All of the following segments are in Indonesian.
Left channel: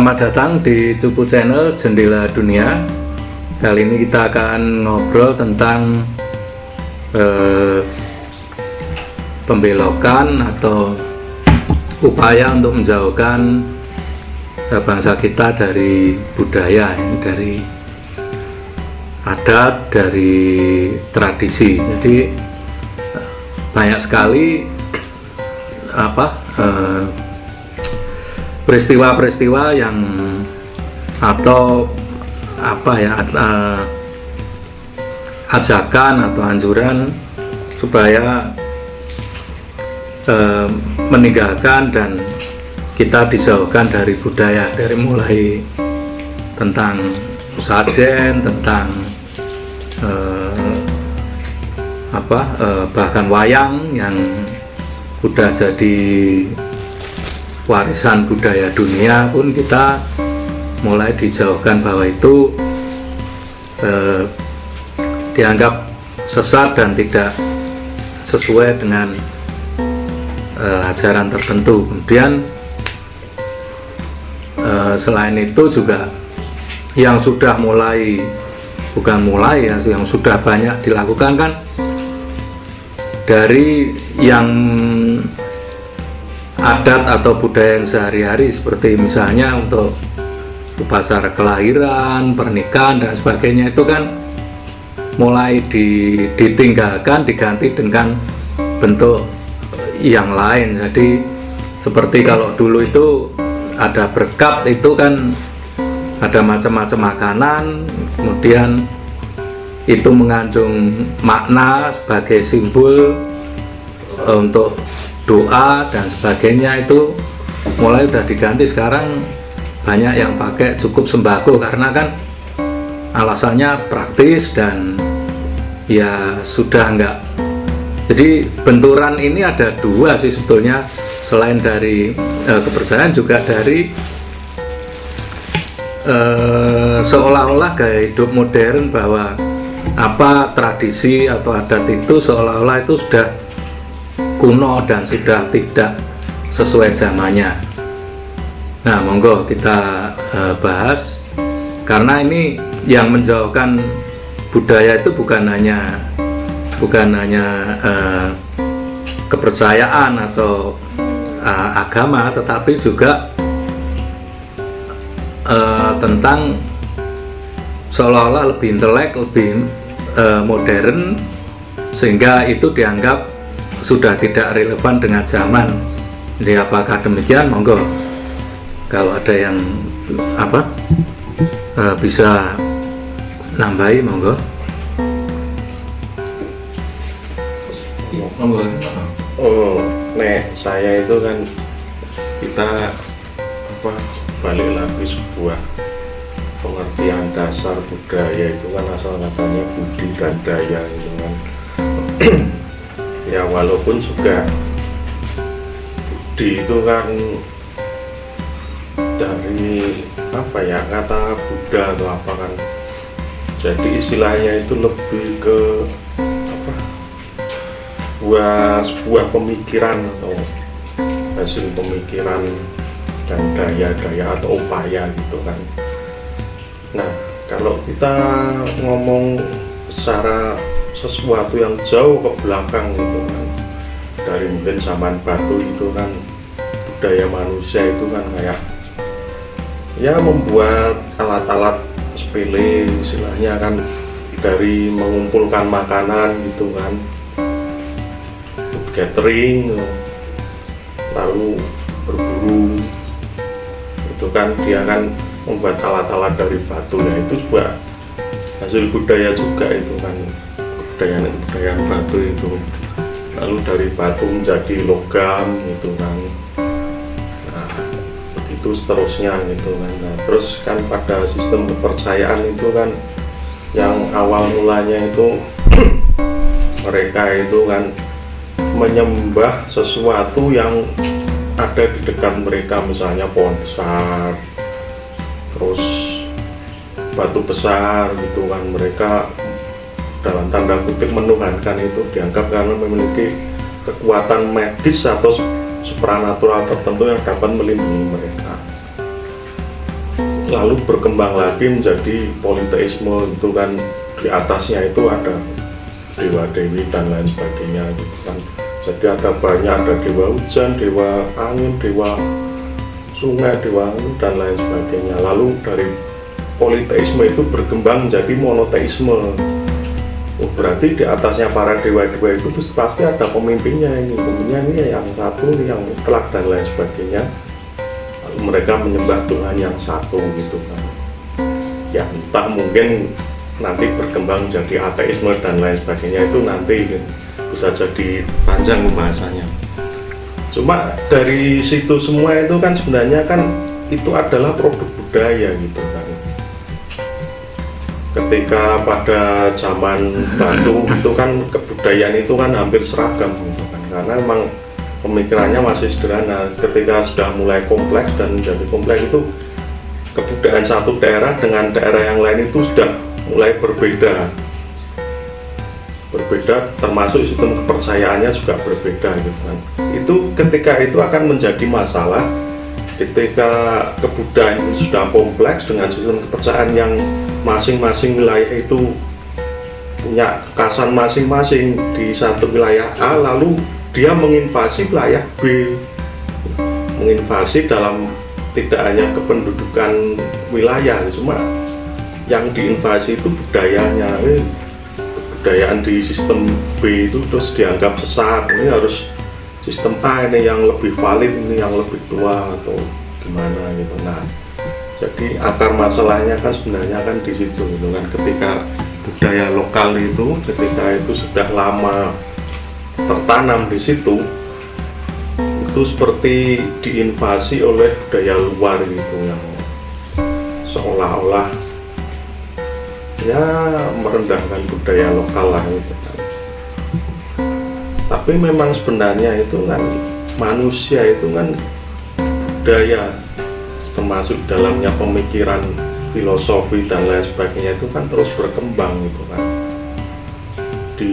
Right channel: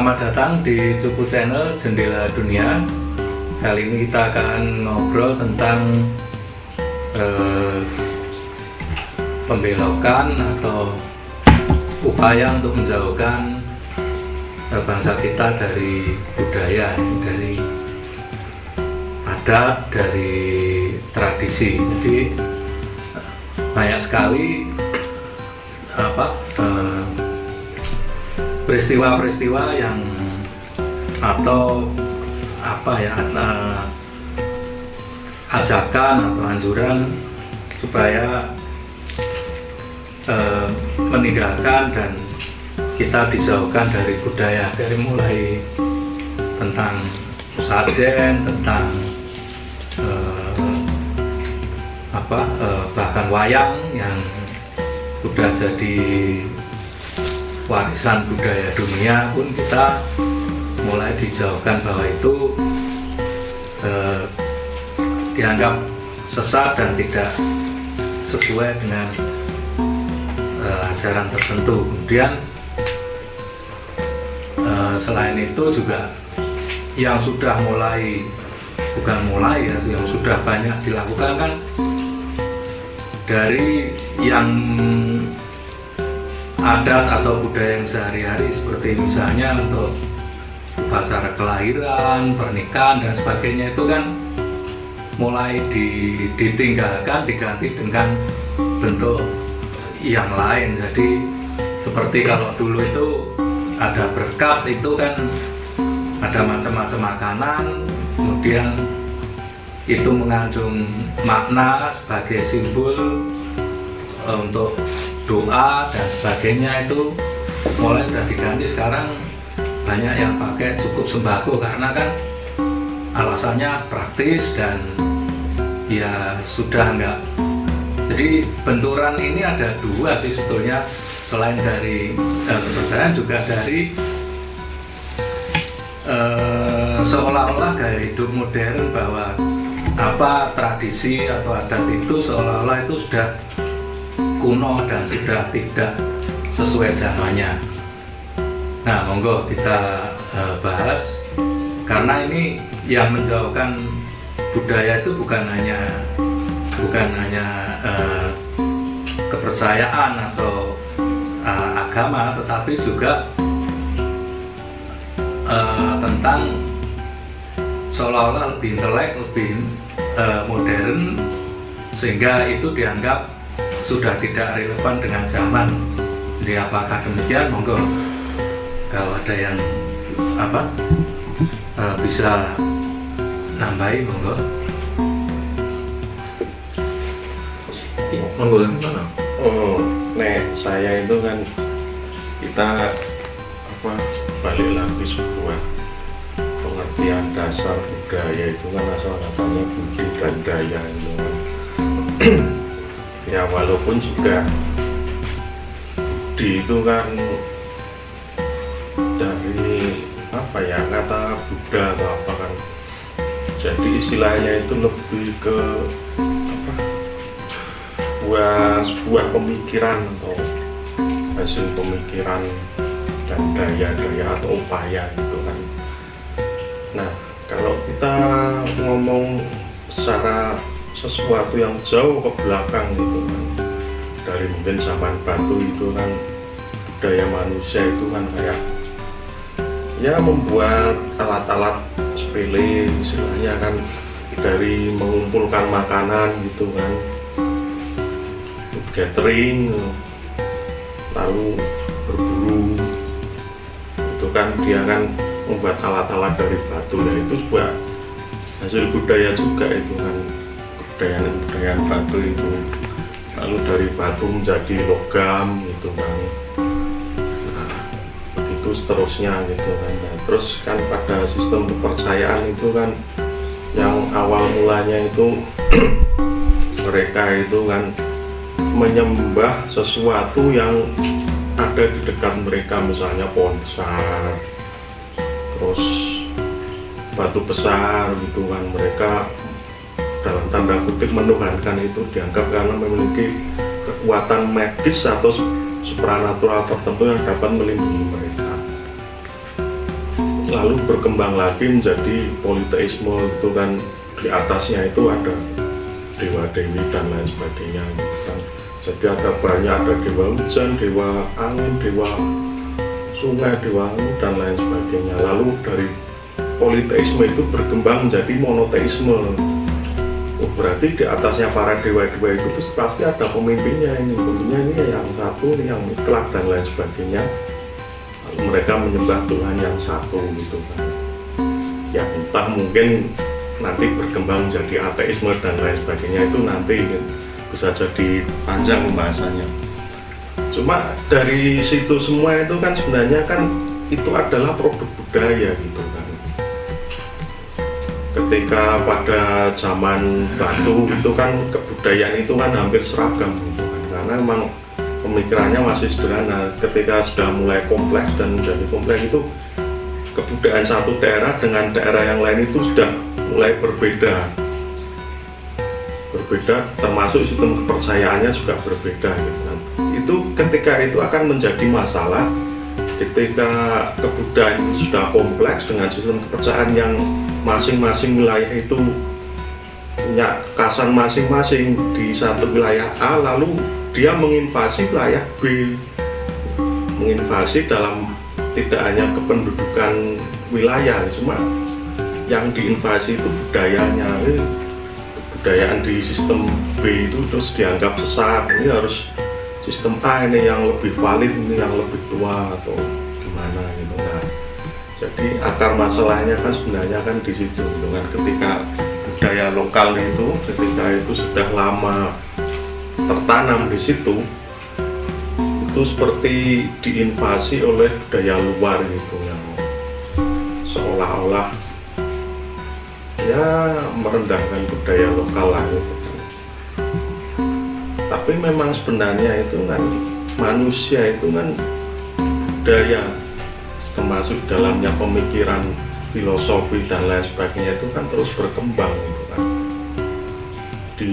Selamat datang di Cupu Channel Jendela Dunia. Kali ini kita akan ngobrol tentang pembelokan atau upaya untuk menjauhkan bangsa kita dari budaya, dari adat, dari tradisi. Jadi banyak sekali peristiwa-peristiwa yang atau ajakan atau anjuran supaya meninggalkan dan kita dijauhkan dari budaya, dari mulai tentang sajen, tentang bahkan wayang yang udah jadi warisan budaya dunia pun kita mulai dijauhkan, bahwa itu dianggap sesat dan tidak sesuai dengan ajaran tertentu. Kemudian selain itu juga yang sudah mulai, yang sudah banyak dilakukan kan, dari yang adat atau budaya yang sehari-hari, seperti misalnya untuk upacara kelahiran, pernikahan dan sebagainya, itu kan mulai ditinggalkan, diganti dengan bentuk yang lain. Jadi seperti kalau dulu itu ada berkat, itu kan ada macam-macam makanan, kemudian itu mengandung makna sebagai simbol untuk doa dan sebagainya. Itu mulai udah diganti. Sekarang banyak yang pakai cukup sembako karena kan alasannya praktis dan ya sudah enggak. Jadi benturan ini ada dua sih sebetulnya, selain dari kepercayaan, juga dari seolah-olah gaya hidup modern, bahwa tradisi atau adat itu seolah-olah itu sudah kuno dan sudah tidak sesuai zamannya. Nah, monggo kita bahas, karena ini yang menjauhkan budaya itu bukan hanya kepercayaan atau agama, tetapi juga tentang seolah-olah lebih intelek, lebih modern, sehingga itu dianggap sudah tidak relevan dengan zaman. Jadi apakah demikian? Monggo kalau ada yang bisa nambahi, monggo. Saya itu kan, kita balik lagi sebuah pengertian dasar budaya itu kan, asal katanya budi dan daya itu kan. Ya walaupun juga budi itu kan dari kata Buddha atau apa kan, jadi istilahnya itu lebih ke sebuah pemikiran atau hasil pemikiran dan daya-daya atau upaya gitu kan. Nah, kalau kita ngomong secara sesuatu yang jauh ke belakang gitu kan, dari mungkin zaman batu itu kan, budaya manusia itu kan kayak ya membuat alat-alat sepele istilahnya kan, dari mengumpulkan makanan gitu kan, food gathering, lalu berburu itu kan, dia kan membuat alat-alat dari batu. Ya itu sebuah hasil budaya juga itu kan, kebudayaan batu itu. Lalu dari batu menjadi logam gitu kan, nah begitu seterusnya gitu kan. Nah, terus kan pada sistem kepercayaan itu kan, yang awal mulanya itu mereka itu kan menyembah sesuatu yang ada di dekat mereka, misalnya pohon besar, terus batu besar gitu kan. Mereka dalam tanda kutip menuhankan itu, dianggap karena memiliki kekuatan magis atau supranatural tertentu yang dapat melindungi mereka. lalu berkembang lagi menjadi politeisme itu kan, di atasnya itu ada dewa-dewi dan lain sebagainya gitu kan. Jadi ada banyak, ada dewa hujan, dewa angin, dewa sungai, dewa dan lain sebagainya. Lalu dari politeisme itu berkembang menjadi monoteisme. Oh, berarti di atasnya para dewa-dewa itu pasti ada pemimpinnya ini yang satu, ini yang mutlak dan lain sebagainya. Lalu mereka menyembah Tuhan yang satu gitu kan. Ya entah mungkin nanti berkembang menjadi ateisme dan lain sebagainya, itu nanti bisa jadi panjang pembahasannya. Cuma dari situ semua itu kan sebenarnya kan itu adalah produk budaya gitu kan. Ketika pada zaman batu itu kan kebudayaan itu kan hampir seragam gitu kan, karena memang pemikirannya masih sederhana. Ketika sudah mulai kompleks dan menjadi kompleks itu kebudayaan satu daerah dengan daerah yang lain itu sudah mulai berbeda, termasuk sistem kepercayaannya juga berbeda gitu kan. Itu ketika itu akan menjadi masalah ketika kebudayaan sudah kompleks dengan sistem kepercayaan yang masing-masing wilayah itu punya kekasan masing-masing di satu wilayah A, lalu dia menginvasi wilayah B, menginvasi dalam tidak hanya kependudukan wilayah, cuma yang diinvasi itu budayanya. Kebudayaan di sistem B itu terus dianggap sesat, ini harus sistem A ini yang lebih valid, ini yang lebih tua atau gimana gitu. Nah, jadi akar masalahnya kan sebenarnya kan di situ gitu kan. Ketika budaya lokal itu ketika itu sudah lama tertanam di situ, itu seperti diinvasi oleh budaya luar gitu yang seolah-olah ya merendahkan budaya lokal lah gitu kan. Tapi memang sebenarnya itu kan manusia itu kan budaya, termasuk dalamnya pemikiran, filosofi dan lain sebagainya itu kan terus berkembang gitu kan. Di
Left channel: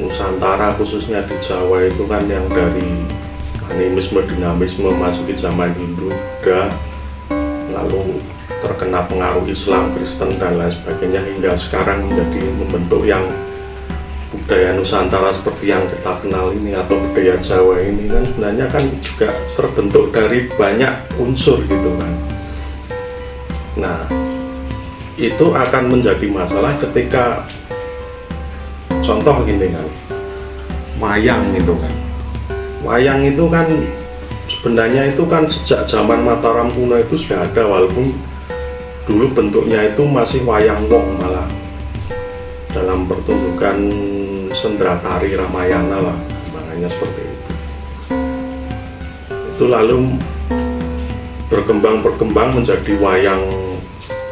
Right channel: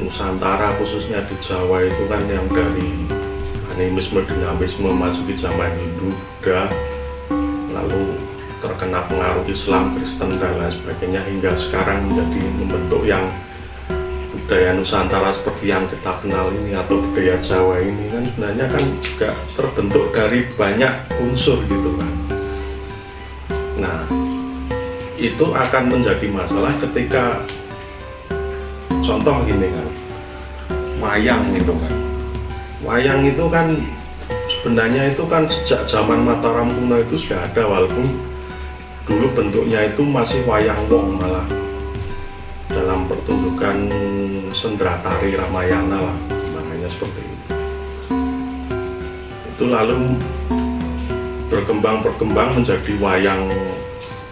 Nusantara khususnya di Jawa itu kan yang dari animisme, dinamisme masuk ke zaman Hindu, Buddha, lalu terkena pengaruh Islam, Kristen dan lain sebagainya hingga sekarang menjadi membentuk yang budaya Nusantara seperti yang kita kenal ini atau budaya Jawa ini kan sebenarnya kan juga terbentuk dari banyak unsur gitu kan. Nah, itu akan menjadi masalah ketika contoh gini kan, wayang gitu kan. Wayang itu kan sebenarnya itu kan sejak zaman Mataram kuno itu sudah ada, walaupun dulu bentuknya itu masih wayang wong, malah dalam pertunjukan sendera tari Ramayana lah, makanya seperti itu. Itu lalu berkembang menjadi wayang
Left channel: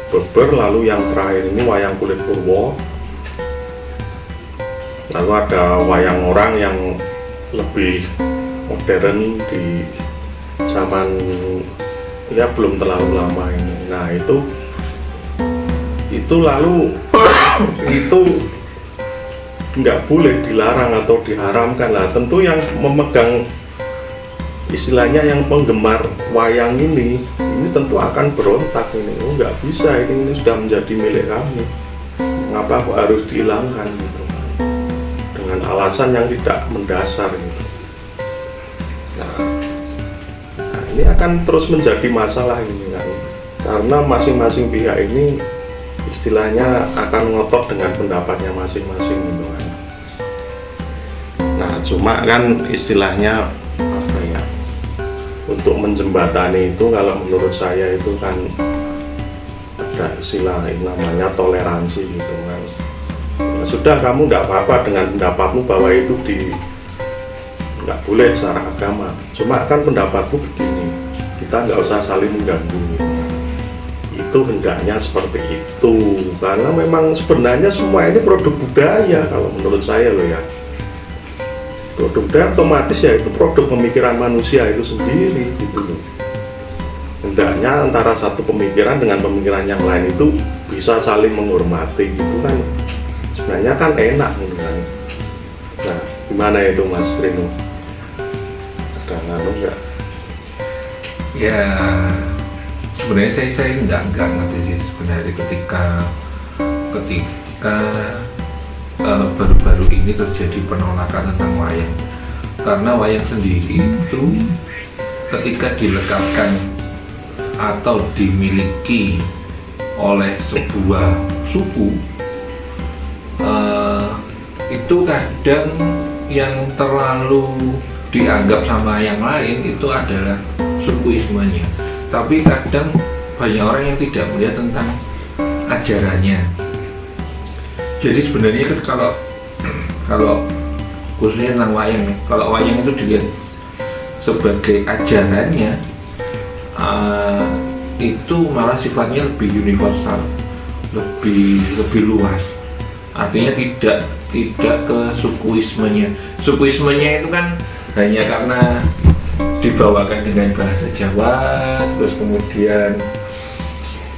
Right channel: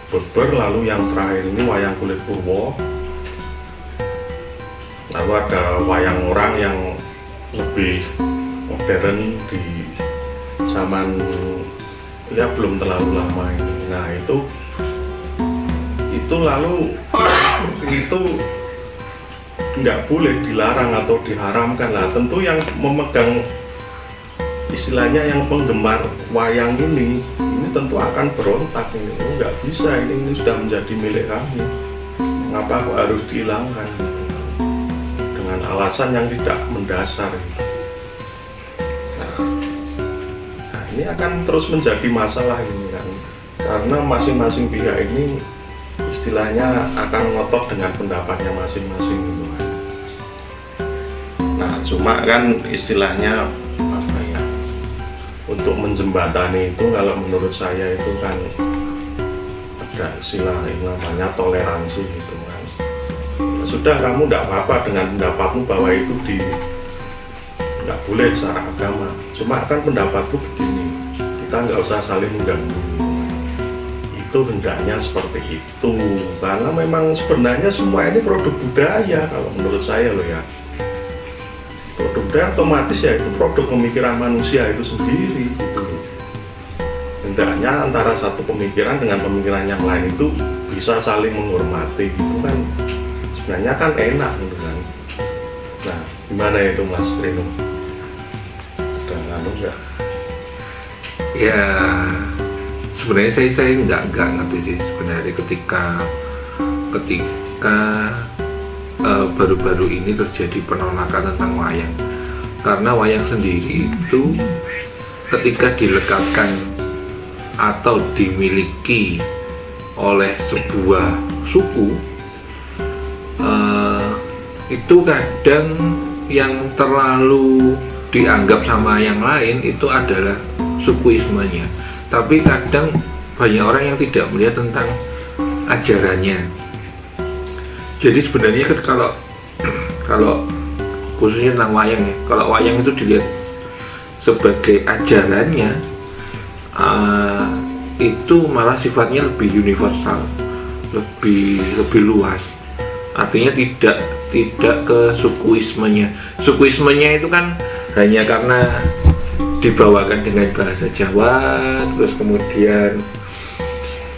beber, lalu yang terakhir ini wayang kulit purwo. Lalu ada wayang orang yang lebih modern di zaman ya belum terlalu lama ini. Nah itu lalu itu nggak boleh dilarang atau diharamkan lah. Tentu yang memegang istilahnya yang penggemar wayang ini tentu akan berontak ini. Oh, nggak bisa, ini sudah menjadi milik kami, mengapa kok harus dihilangkan gitu, dengan alasan yang tidak mendasar gitu. Nah, ini akan terus menjadi masalah ini kan, karena masing-masing pihak ini istilahnya akan ngotot dengan pendapatnya masing-masing gitu kan. Nah, cuma kan istilahnya apa ya, untuk menjembatani itu kalau menurut saya itu kan ada istilah namanya toleransi gitu kan. Ya sudah, kamu tidak apa-apa dengan pendapatmu bahwa itu nggak boleh secara agama, cuma kan pendapatmu begini, kita nggak usah saling mengganggu gitu. Itu hendaknya seperti itu, karena memang sebenarnya semua ini produk budaya kalau menurut saya loh ya. Produk budaya otomatis ya itu produk pemikiran manusia itu sendiri gitu. Hendaknya antara satu pemikiran dengan pemikiran yang lain itu bisa saling menghormati gitu kan, sebenarnya kan enak gitu kan. Nah, gimana itu Mas Rino? Ada nggak? Ya, sebenarnya saya nggak ngerti sih sebenarnya ketika baru-baru ini terjadi penolakan tentang wayang, karena wayang sendiri itu ketika dilekatkan atau dimiliki oleh sebuah suku, itu kadang yang terlalu dianggap sama yang lain itu adalah sukuismenya, tapi kadang banyak orang yang tidak melihat tentang ajarannya. Jadi sebenarnya kalau khususnya tentang wayang, kalau wayang itu dilihat sebagai ajarannya, itu malah sifatnya lebih universal, lebih luas. Artinya tidak ke sukuismenya. Sukuismenya itu kan hanya karena dibawakan dengan bahasa Jawa, terus kemudian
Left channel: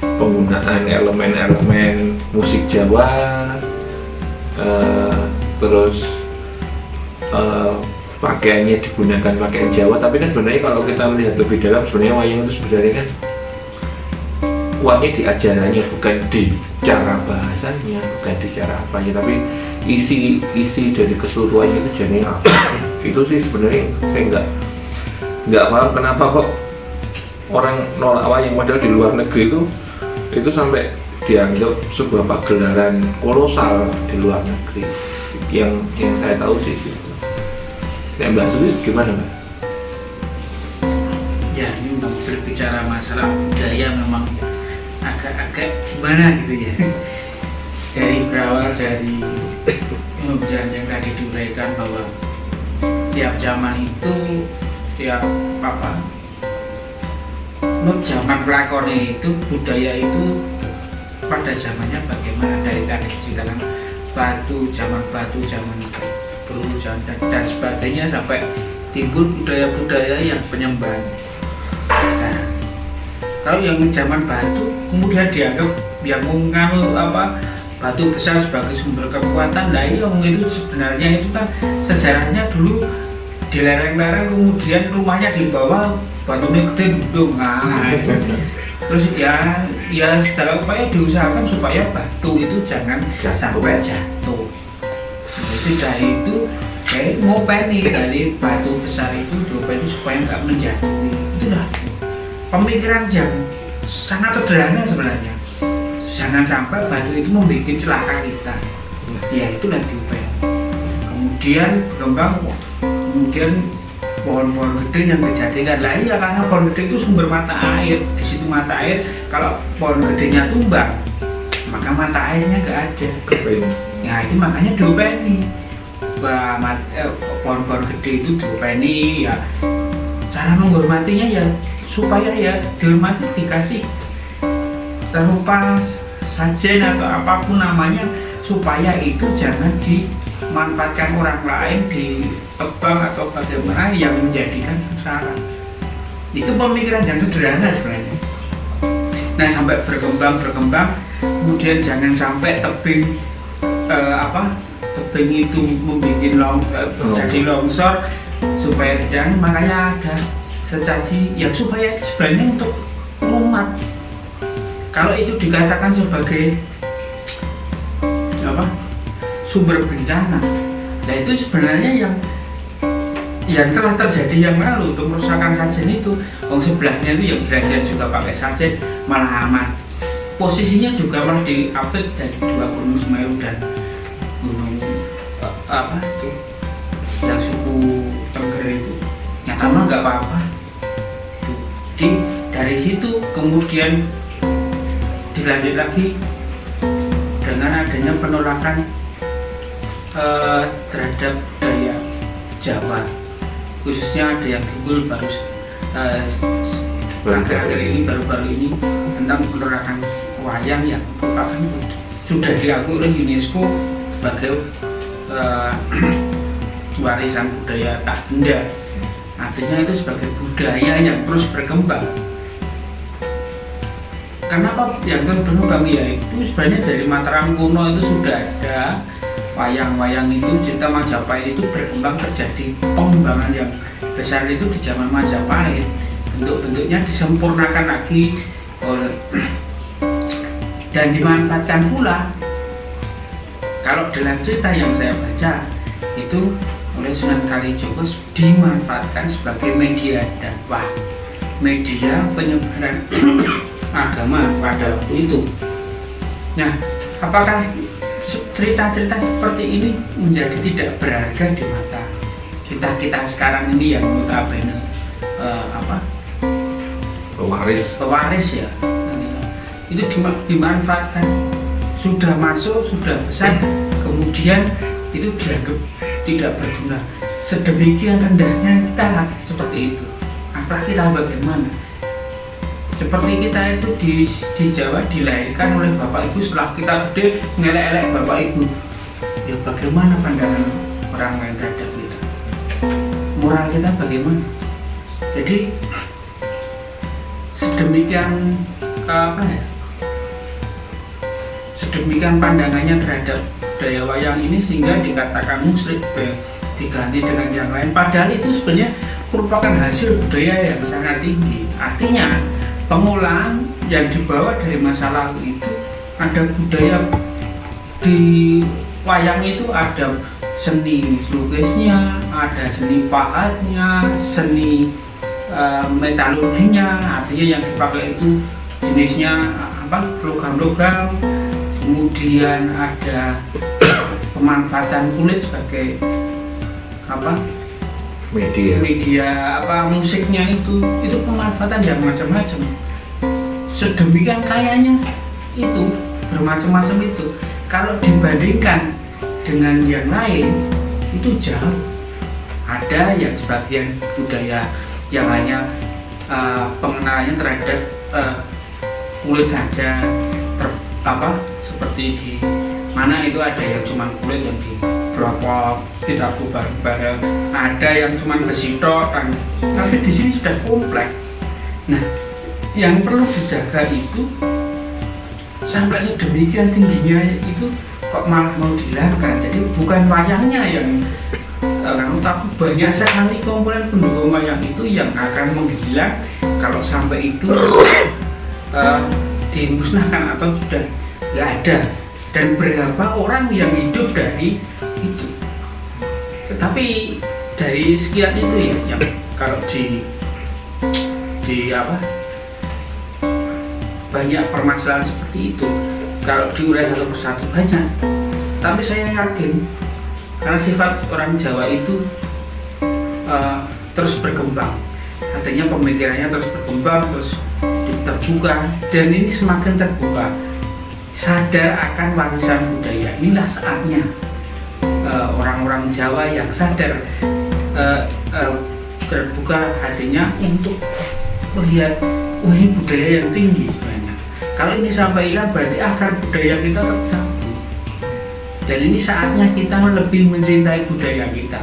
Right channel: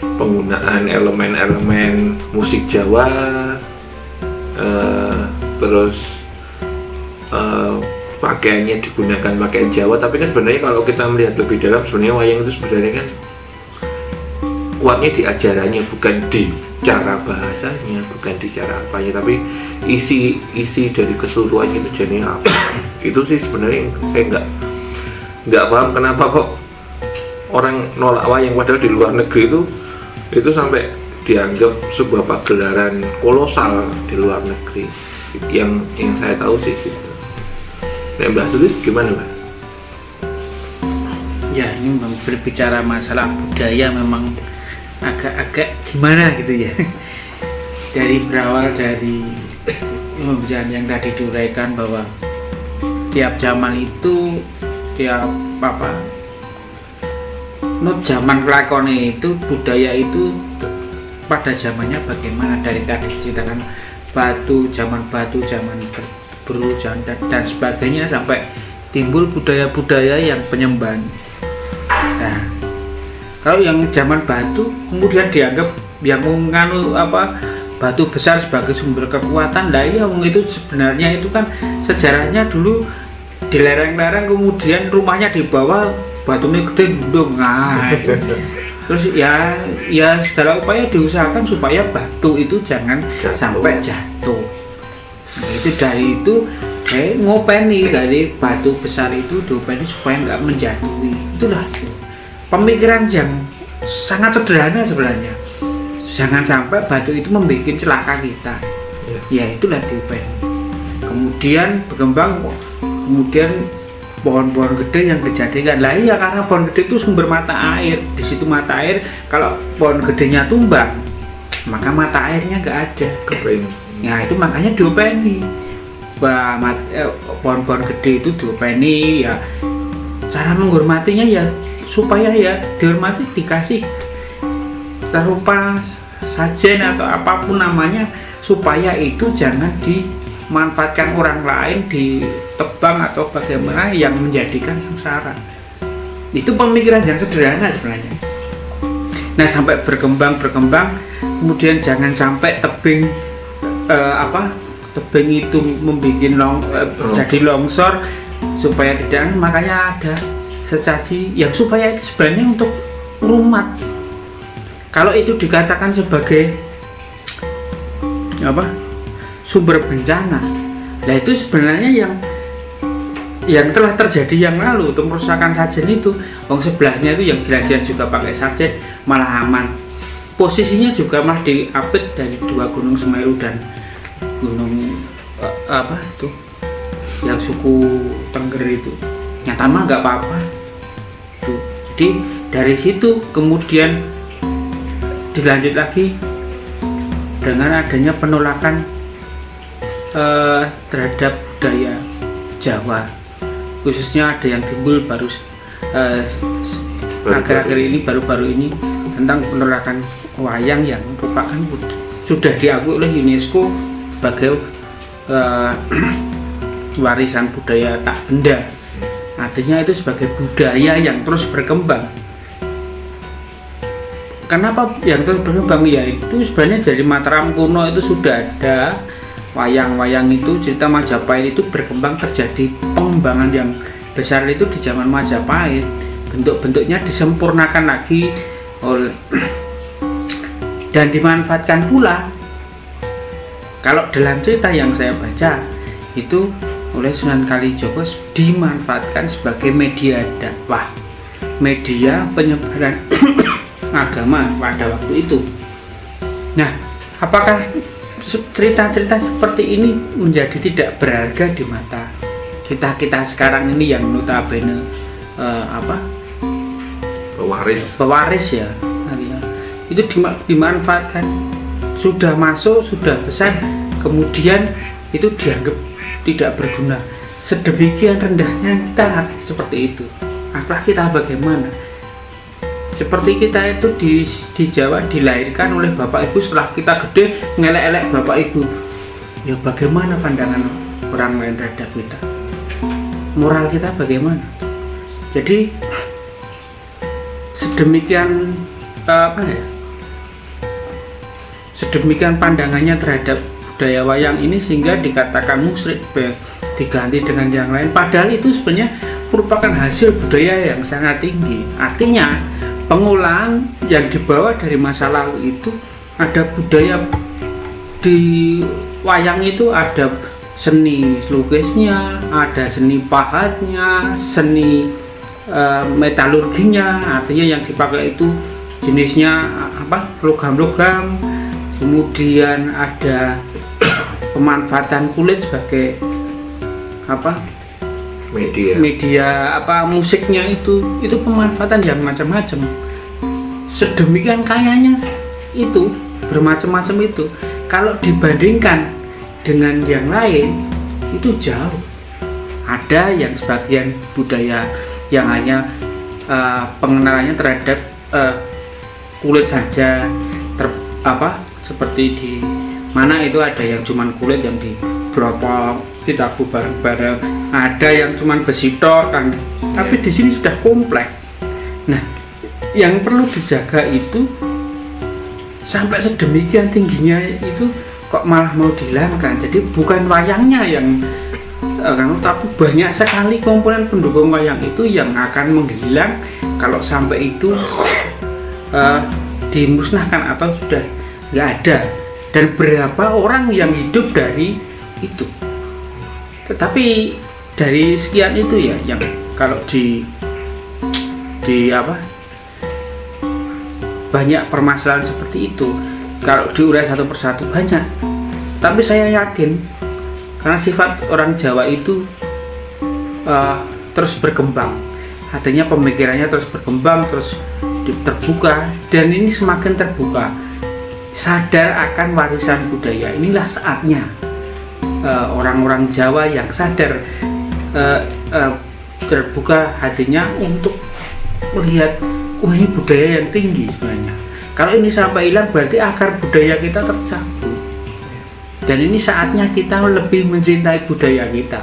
penggunaan elemen-elemen musik Jawa, terus pakaiannya digunakan pakaian Jawa. Tapi kan sebenarnya kalau kita melihat lebih dalam, sebenarnya wayang itu sebenarnya kan kuatnya di ajarannya, bukan di cara bahasanya, bukan di cara apanya, tapi isi dari keseluruhannya itu jadi apa. Itu sih sebenarnya saya nggak paham kenapa kok orang nolak wayang, padahal di luar negeri itu sampai dianggap sebuah pagelaran kolosal di luar negeri. Yang saya tahu sih gitu. Mbak Sulis gimana, Mbak? Ya, ini memang berbicara masalah budaya memang agak gimana gitu ya. Dari berawal dari pembicaraan yang tadi diuraikan bahwa tiap zaman itu zaman pelakon itu budaya itu pada zamannya bagaimana, dari tadi diceritakan zaman batu, zaman beru, dan sebagainya, sampai timbul budaya-budaya yang penyembahan. Nah, kalau yang zaman batu kemudian dianggap yang menganu batu besar sebagai sumber kekuatan, lah iya, itu sebenarnya itu kan sejarahnya dulu di lereng-lereng, kemudian rumahnya di bawah, batunya gede gendung. Nah, terus ya segala upaya diusahakan supaya batu itu jangan sampai jatuh. Nah, itu dari itu ngopeni dari batu besar itu diopeni supaya nggak menjatuhi. Itulah pemikiran yang sangat sederhana sebenarnya. Jangan sampai batu itu membuat celaka kita. Ya itulah diopeni. Kemudian berkembang, kemudian pohon-pohon gede yang dijadikan. Lah iya, karena pohon gede itu sumber mata air. Di situ mata air, kalau pohon gedenya tumbang, maka mata airnya nggak ada. Nah itu makanya diopeni. Pohon-pohon gede itu diopeni ya. Cara menghormatinya ya supaya ya dihormati, dikasih rupa sajen atau apapun namanya, supaya itu jangan dimanfaatkan orang lain, ditebang atau bagaimana yang menjadikan sengsara. Itu pemikiran yang sederhana sebenarnya. Nah, sampai berkembang, kemudian jangan sampai tebing itu membuat jadi longsor, supaya tidak, makanya ada sesaji yang supaya itu sebenarnya untuk umat. Kalau itu dikatakan sebagai sumber bencana, nah itu sebenarnya yang telah terjadi yang lalu untuk merusakan sarjen itu. Sebelahnya itu yang jelas-jelas juga pakai sarjen malah aman. Posisinya juga malah diapit dari dua gunung Semeru dan gunung itu yang suku Tengger itu. Nyata mah nggak apa-apa. Jadi dari situ kemudian dilanjut lagi dengan adanya penolakan terhadap budaya Jawa, khususnya ada yang timbul akhir-akhir ini, baru-baru ini, tentang penolakan wayang yang merupakan sudah diakui oleh UNESCO sebagai warisan budaya tak benda. Artinya itu sebagai budaya yang terus berkembang. Kenapa yang terus berkembang? Ya itu sebenarnya dari Mataram kuno itu sudah ada wayang-wayang itu, cerita Majapahit itu berkembang, terjadi pengembangan yang besar itu di zaman Majapahit. Bentuk-bentuknya disempurnakan lagi dan dimanfaatkan pula. Kalau dalam cerita yang saya baca itu oleh Sunan Kalijogo dimanfaatkan sebagai media dakwah, media penyebaran agama pada waktu itu. Nah, apakah cerita-cerita seperti ini menjadi tidak berharga di mata kita sekarang ini yang notabene pewaris ya, itu dimanfaatkan, sudah masuk, sudah besar, kemudian itu dianggap tidak berguna. Sedemikian rendahnya kita seperti itu. Apakah kita bagaimana? Seperti kita itu di Jawa dilahirkan oleh bapak ibu, setelah kita gede ngelek-elek bapak ibu. Ya bagaimana pandangan orang lain terhadap kita? Moral kita bagaimana? Jadi sedemikian sedemikian pandangannya terhadap budaya wayang ini sehingga dikatakan musyrik, diganti dengan yang lain, padahal itu sebenarnya merupakan hasil budaya yang sangat tinggi. Artinya pengolahan yang dibawa dari masa lalu itu, ada budaya di wayang itu, ada seni lukisnya, ada seni pahatnya, seni metalurginya, artinya yang dipakai itu jenisnya logam-logam. Kemudian ada pemanfaatan kulit sebagai media musiknya, itu pemanfaatan yang macam-macam. Sedemikian kayanya itu, bermacam-macam itu. Kalau dibandingkan dengan yang lain itu jauh. Ada yang sebagian budaya yang hanya pengenalannya terhadap kulit saja, seperti di mana itu ada yang cuman kulit yang dibropok, tidak bareng-bareng, ada yang cuman besi tok kan. Tapi di sini sudah kompleks. Nah, yang perlu dijaga itu sampai sedemikian tingginya itu kok malah mau dihilangkan. Jadi bukan wayangnya yang tapi banyak sekali komponen pendukung wayang itu yang akan menghilang kalau sampai itu dimusnahkan atau sudah nggak ada. Dan berapa orang yang hidup dari itu. Tetapi dari sekian itu ya, yang kalau di banyak permasalahan seperti itu, kalau diurai satu persatu banyak. Tapi saya yakin karena sifat orang Jawa itu terus berkembang, artinya pemikirannya terus berkembang, terus terbuka, dan ini semakin terbuka, sadar akan warisan budaya. Inilah saatnya orang-orang Jawa yang sadar terbuka hatinya untuk melihat, wah ini budaya yang tinggi sebenarnya. Kalau ini sampai hilang berarti akar budaya kita tercabut. Dan ini saatnya kita lebih mencintai budaya kita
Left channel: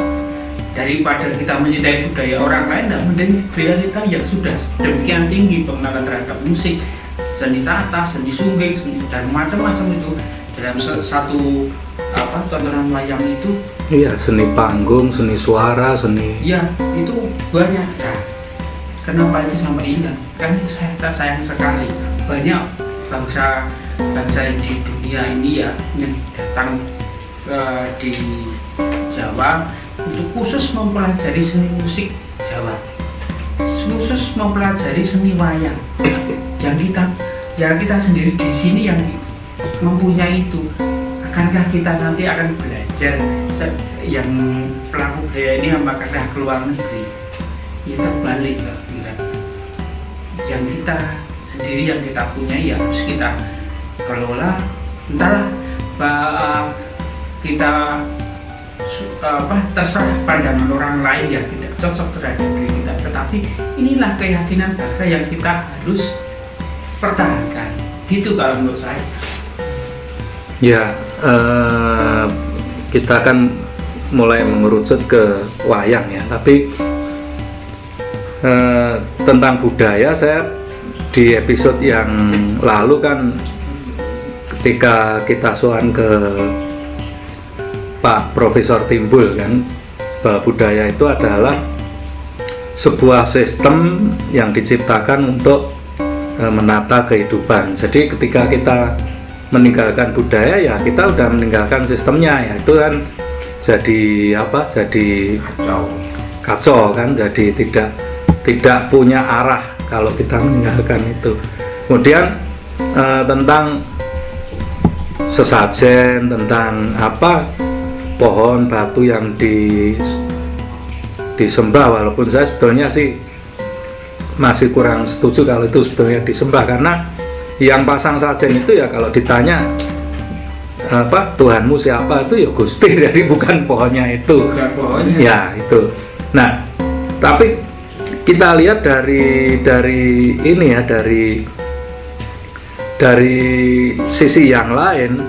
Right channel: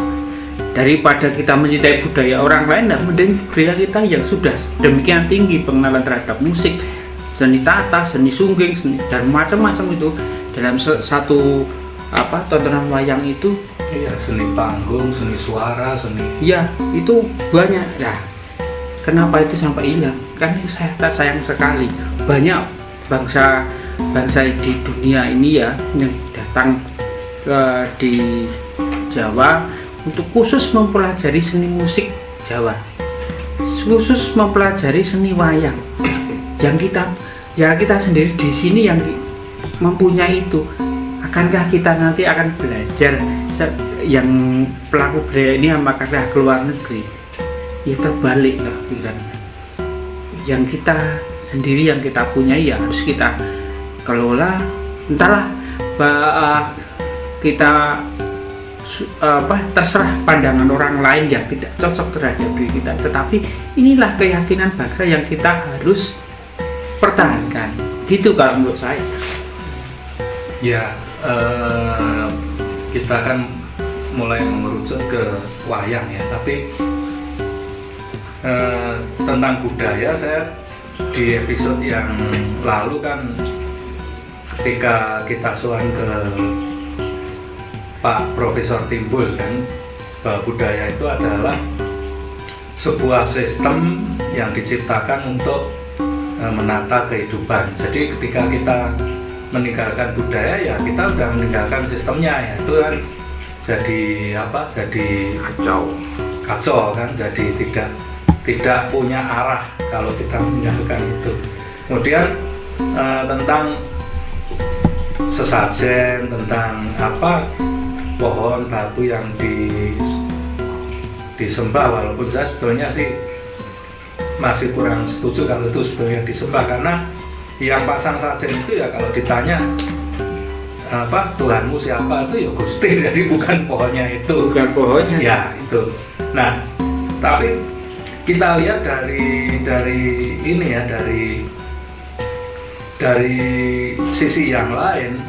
daripada kita mencintai budaya orang lain. Nah, mending budaya kita yang sudah demikian tinggi pengenalan terhadap musik, seni tata, seni sungging, dan macam-macam itu dalam satu tontonan wayang itu. Iya, seni panggung, seni suara, seni. Iya, itu banyak. Ya, kenapa itu sampai hilang? Kan saya sayang sekali. Banyak bangsa di dunia ini ya yang datang di Jawa untuk khusus mempelajari seni musik Jawa, khusus mempelajari seni wayang. Yang kita sendiri di sini yang mempunyai itu. Akankah kita nanti akan belajar yang pelaku budaya ini apakah keluar negeri? Ya terbalik lah, yang kita sendiri yang kita punya ya harus kita kelola. Entahlah kita terserah pandangan orang lain yang tidak cocok terhadap diri kita, tetapi inilah keyakinan bangsa yang kita harus pertahankan. Gitu kalau menurut saya. Ya, kita kan mulai mengerucut ke wayang ya, tapi tentang budaya saya di episode yang lalu kan ketika kita soal ke Pak Profesor Timbul kan, bahwa budaya itu adalah sebuah sistem yang diciptakan untuk menata kehidupan. Jadi ketika kita meninggalkan budaya ya kita udah meninggalkan sistemnya ya, itu kan jadi apa? Jadi kacau kan, jadi tidak punya arah kalau kita meninggalkan itu. Kemudian tentang sesajen, tentang apa pohon batu yang disembah, walaupun saya sebetulnya sih masih kurang setuju kalau itu sebetulnya disembah, karena yang pasang sajen itu ya kalau ditanya apa Tuhanmu siapa, itu ya Gusti, jadi bukan pohonnya itu, bukan pohonnya ya itu. Nah tapi kita lihat dari ini ya, dari sisi yang lain,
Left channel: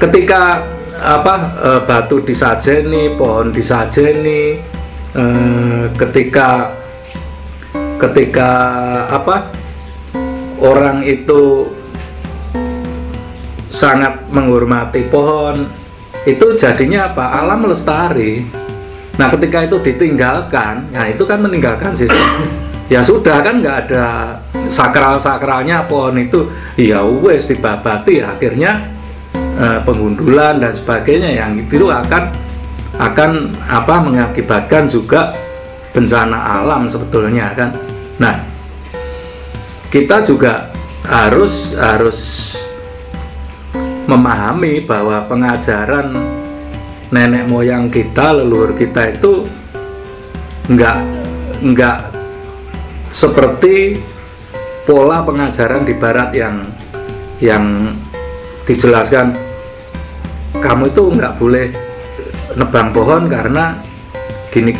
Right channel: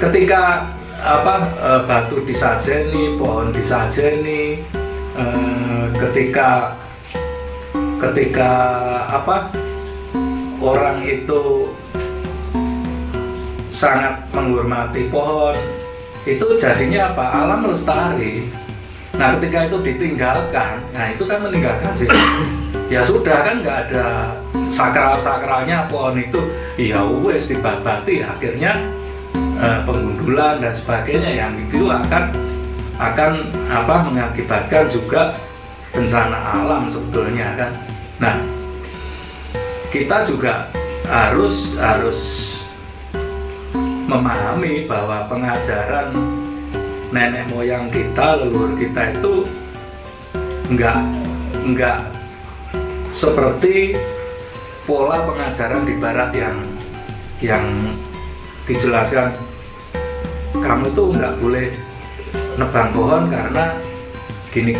ketika apa batu disajeni, pohon disajeni, ketika apa orang itu sangat menghormati pohon, itu jadinya apa? Alam lestari. Nah ketika itu ditinggalkan, nah itu kan meninggalkan sistem. Ya sudah kan nggak ada sakral-sakralnya pohon itu, ya wes dibabati, akhirnya penggundulan dan sebagainya yang itu akan apa mengakibatkan juga bencana alam sebetulnya kan. Nah kita juga harus memahami bahwa pengajaran nenek moyang kita, leluhur kita itu enggak seperti pola pengajaran di barat yang dijelaskan kamu itu enggak boleh nebang pohon karena gini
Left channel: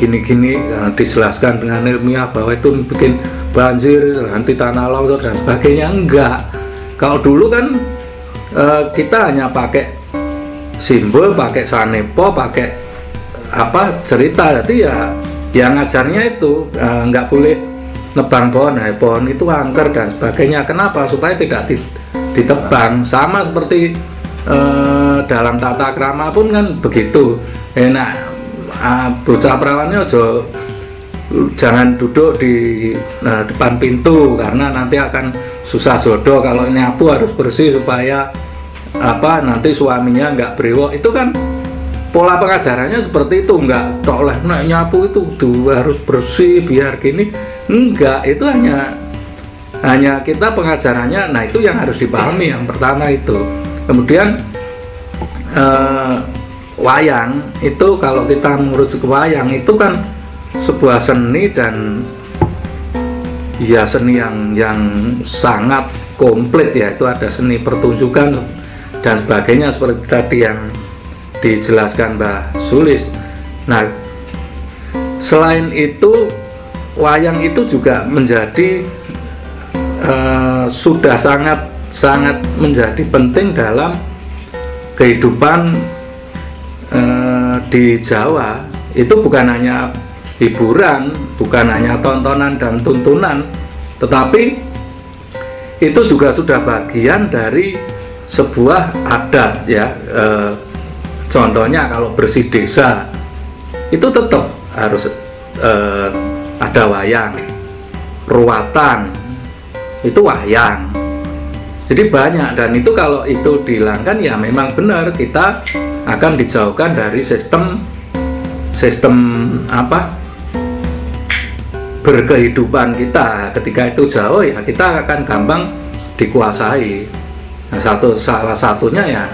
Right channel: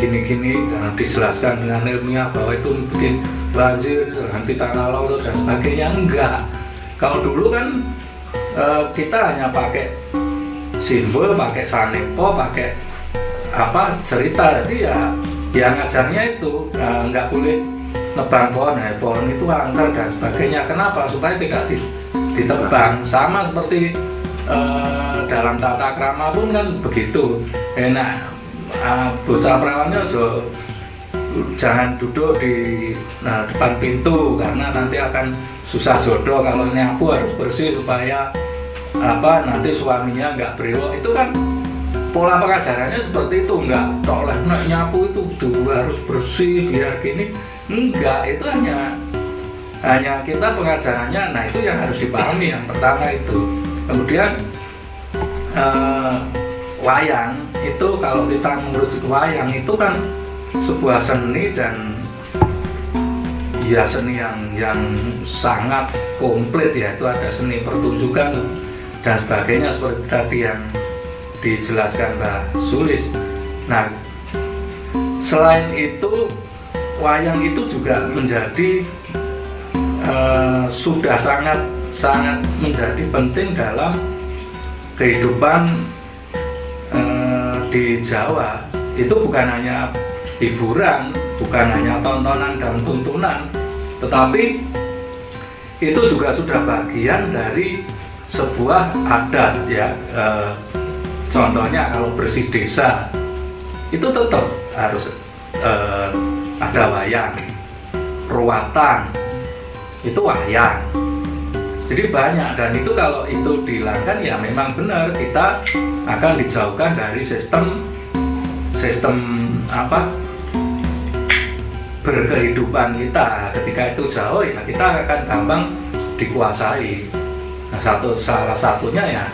dijelaskan dengan ilmiah bahwa itu bikin banjir, nanti tanah longsor dan sebagainya. Enggak. Kalau dulu kan kita hanya pakai simbol, pakai sanepo, pakai apa cerita, jadi ya ngajarnya itu nggak boleh nebang pohon, pohon itu angker dan sebagainya. Kenapa? Supaya tidak ditebang. Sama seperti dalam tata krama pun kan begitu. Bocah perawannya jangan duduk di depan pintu karena nanti akan susah jodoh. Kalau nyapu harus bersih supaya apa nanti suaminya nggak brewok. Itu kan pola pengajarannya seperti itu. Nggak oleh nyapu itu harus bersih biar gini. Enggak, itu hanya kita pengajarannya. Nah itu yang harus dipahami yang pertama itu. Kemudian wayang itu, kalau kita merujuk ke wayang itu kan sebuah seni, dan ya seni yang sangat komplit ya. Itu ada seni pertunjukan dan sebagainya seperti tadi yang dijelaskan Mbak Sulis. Nah selain itu wayang itu juga menjadi sudah sangat menjadi penting dalam kehidupan di Jawa. Itu bukan hanya hiburan, bukan hanya tontonan dan tuntunan, tetapi itu juga sudah bagian dari sebuah adat ya. Contohnya kalau bersih desa itu tetap harus ada wayang, ruatan itu wayang. Jadi banyak, dan itu kalau itu dihilangkan ya memang benar kita akan dijauhkan dari sistem apa berkehidupan kita. Ketika itu jauh ya kita akan gampang dikuasai. Nah, salah satunya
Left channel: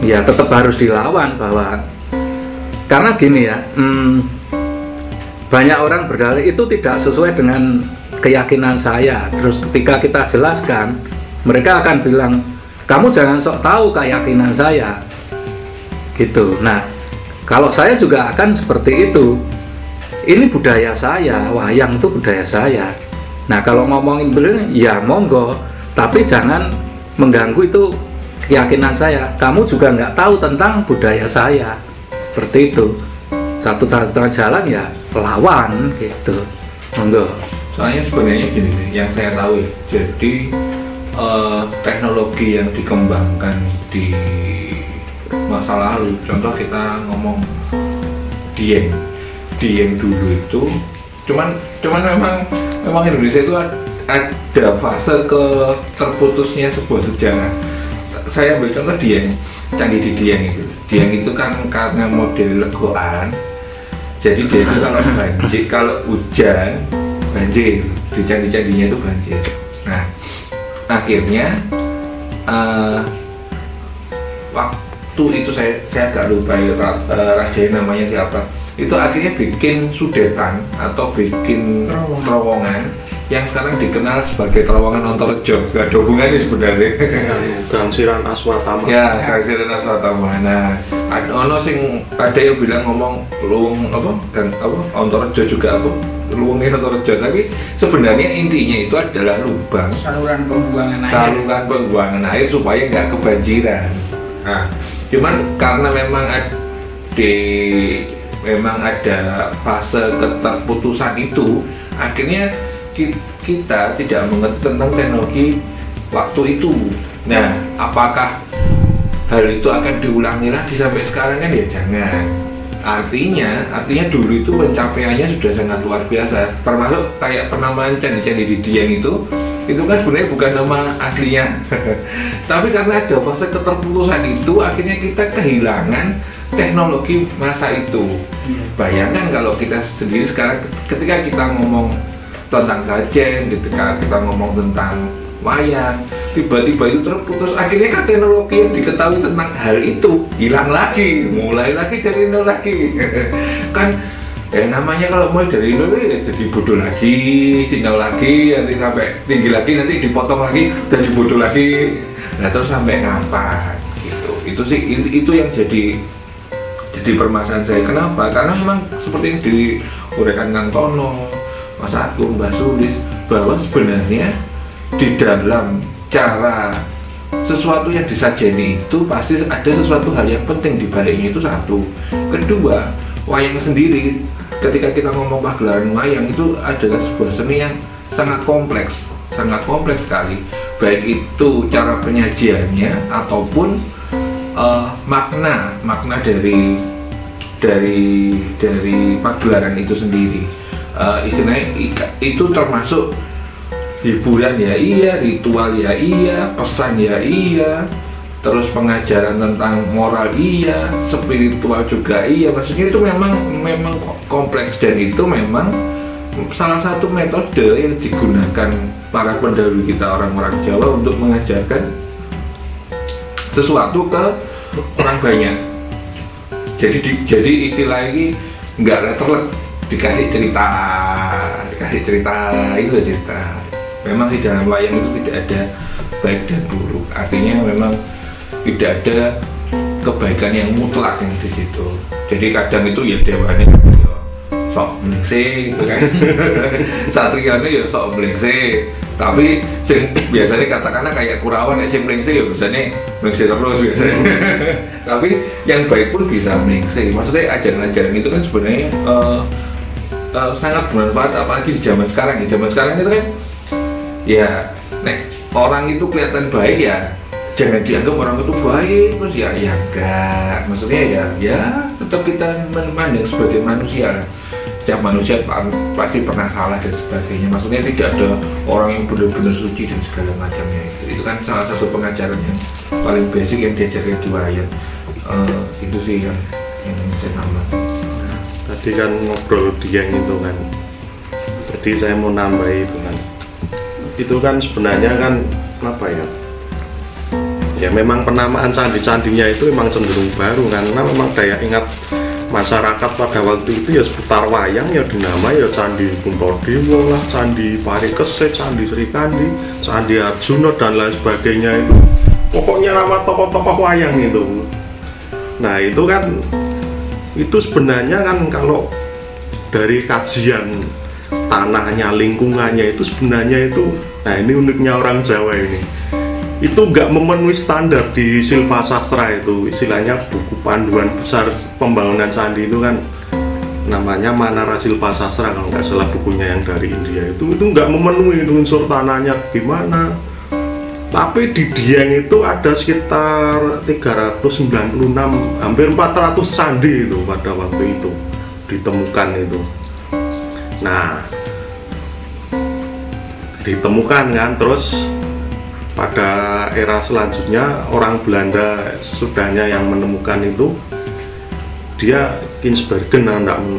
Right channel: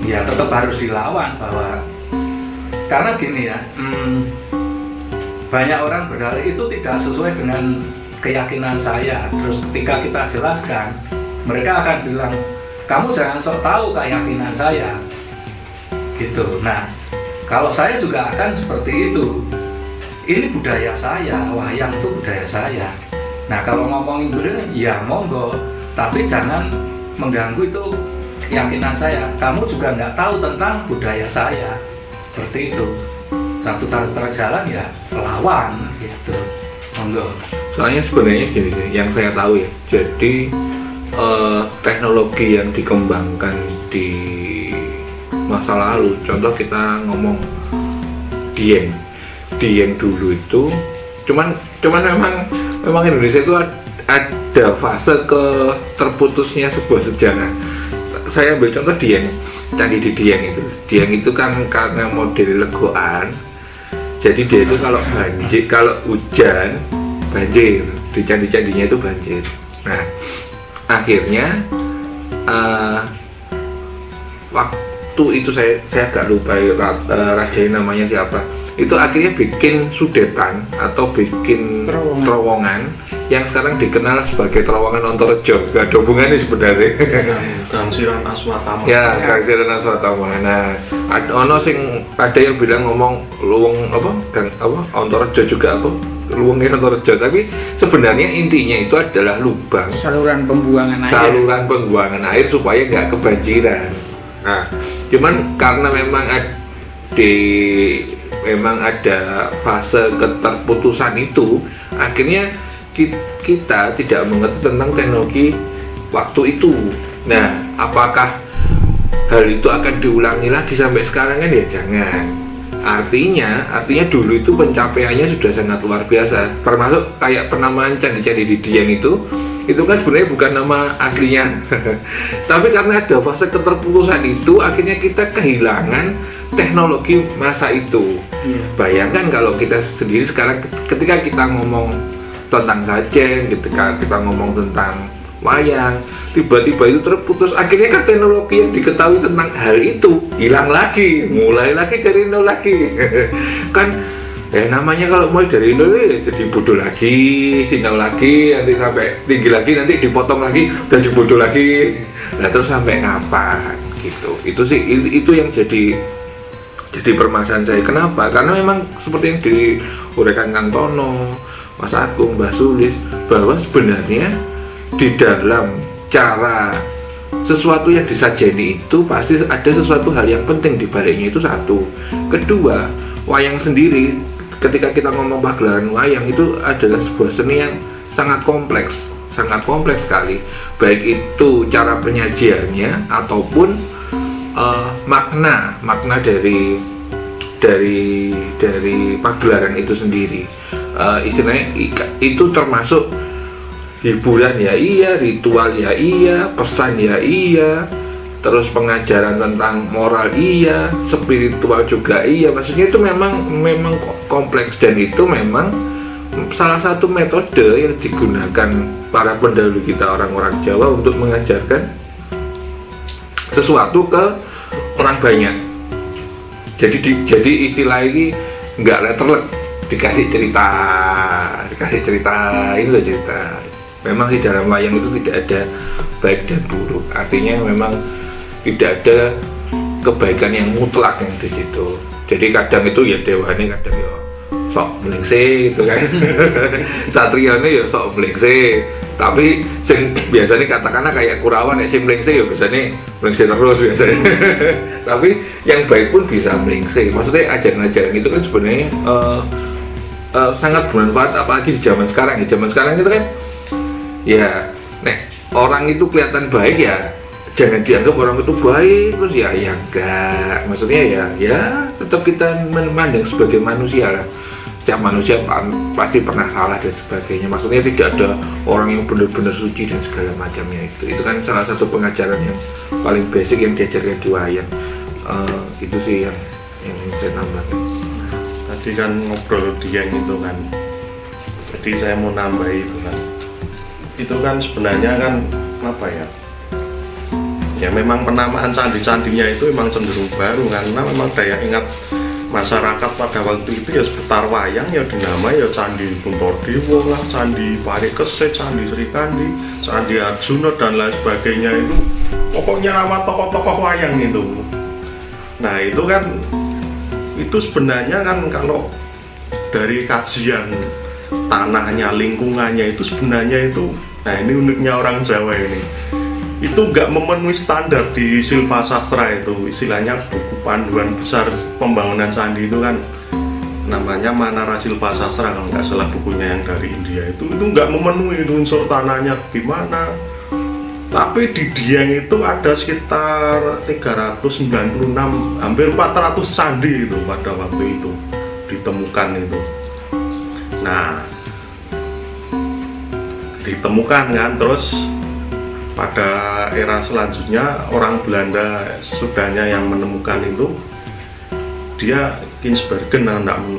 ya tetap harus dilawan, bahwa karena gini ya, banyak orang berdalih itu tidak sesuai dengan keyakinan saya. Terus ketika kita jelaskan, mereka akan bilang, kamu jangan sok tahu keyakinan saya gitu. Nah kalau saya juga akan seperti itu, ini budaya saya, wayang itu budaya saya. Nah kalau ngomongin beliau ya monggo, tapi jangan mengganggu itu keyakinan saya. Kamu juga nggak tahu tentang budaya saya, seperti itu. Satu-satunya jalan ya lawan gitu, monggo. Soalnya sebenarnya gini deh, yang saya tahu ya, jadi teknologi yang dikembangkan di masa lalu, contoh kita ngomong Dieng dulu itu, cuman memang Indonesia itu ada fase ke terputusnya sebuah sejarah. Saya ambil contoh Dieng, Candi di Dieng itu. Dieng itu kan karena model legoan, jadi dia itu kalau banjir, kalau hujan banjir, di candi-candinya itu banjir. Nah, akhirnya waktu itu saya agak lupa ya, rajanya namanya siapa. Itu akhirnya bikin sudetan atau bikin terowongan yang sekarang dikenal sebagai terowongan Ontorejo. Gak ada hubungannya sebenarnya. Gangsiran Aswatama. Ya, Gangsiran Aswatama. Nah, ada yang bilang ngomong luwung Ontorejo juga apa? Luwungnya Ontorejo, tapi sebenarnya intinya itu adalah lubang saluran pembuangan air supaya nggak kebanjiran. Nah, cuman karena memang ada fase keterputusan itu, akhirnya kita tidak mengerti tentang teknologi waktu itu. Nah, apakah hal itu akan diulangi lagi sampai sekarang kan? Ya jangan. Artinya dulu itu pencapaiannya sudah sangat luar biasa. Termasuk kayak penamaan candi-candi di Dieng itu kan sebenarnya bukan nama aslinya. Tapi karena ada fase keterputusan itu, akhirnya kita kehilangan teknologi masa itu. Bayangkan kalau kita sendiri sekarang ketika kita ngomong tentang sajen, ketika kita ngomong tentang wayang, tiba-tiba itu terputus, akhirnya kan teknologi yang diketahui tentang hal itu hilang lagi, mulai lagi dari nol lagi. Kan namanya kalau mulai dari nol ya jadi bodoh lagi, sinyal lagi, nanti sampai tinggi lagi, nanti dipotong lagi, jadi bodoh lagi. Nah terus sampai kapan gitu. Itu sih itu yang jadi permasalahan saya. Kenapa? Karena memang seperti yang diuraikan Kang Tono, Mas Agung, Mbak Sulis, bahwa sebenarnya di dalam cara sesuatu yang disajeni itu pasti ada sesuatu hal yang penting di baliknya, itu satu. Kedua, wayang sendiri, ketika kita ngomong pagelaran wayang itu adalah sebuah seni yang sangat kompleks sekali, baik itu cara penyajiannya ataupun makna dari pagelaran itu sendiri. Istilahnya itu termasuk hiburan ya iya, ritual ya iya, pesan ya iya, terus pengajaran tentang moral iya, spiritual juga iya. Maksudnya itu memang kompleks, dan itu memang salah satu metode yang digunakan para pendahulu kita, orang-orang Jawa, untuk mengajarkan sesuatu ke orang banyak. Jadi istilah ini nggak letterlek, dikasih cerita itu cerita. Memang di dalam wayang itu tidak ada baik dan buruk. Artinya memang tidak ada kebaikan yang mutlak yang di situ. Jadi kadang itu ya dewane, kadang ya sok melengse gitu kan. Satriane ya sok melengse. Tapi biasanya katakanlah kayak Kurawan ya, sing melengse ya biasanya melengse terus biasanya. Tapi yang baik pun bisa melengse. Maksudnya ajaran-ajaran itu kan sebenarnya sangat bermanfaat, apalagi di zaman sekarang. Di zaman sekarang itu kan ya, orang itu kelihatan baik ya jangan dianggap orang itu baik terus ya enggak. Maksudnya ya tetap kita memandang sebagai manusia lah. Setiap manusia pasti pernah salah dan sebagainya. Maksudnya tidak ada orang yang benar-benar suci dan segala macamnya. Itu kan salah satu pengajaran yang paling basic yang diajarkan di wayang. Itu sih yang saya nambah. Tadi kan ngobrol Dieng itu kan, jadi saya mau nambah itu kan sebenarnya kan apa ya memang penamaan candi-candinya itu memang cenderung baru, karena memang daya ingat masyarakat pada waktu itu ya seputar wayang ya dinamai ya Candi Puntadewa lah, Candi Parikesit, Candi Srikandi, Candi Arjuna dan lain sebagainya. Itu pokoknya nama tokoh-tokoh wayang itu. Nah itu kan, itu sebenarnya kan kalau dari kajian tanahnya, lingkungannya itu sebenarnya itu, nah ini uniknya orang Jawa ini, itu nggak memenuhi standar di Silpa Sastra. Itu istilahnya buku panduan besar pembangunan candi itu kan namanya Manara Silpa Sastra kalau nggak salah, bukunya yang dari India itu nggak memenuhi unsur tanahnya gimana. Tapi di Dieng itu ada sekitar 396, hampir 400 candi itu pada waktu itu ditemukan itu. Nah, ditemukan kan. Terus pada era selanjutnya orang Belanda sesudahnya yang menemukan itu, dia Kinsbergen,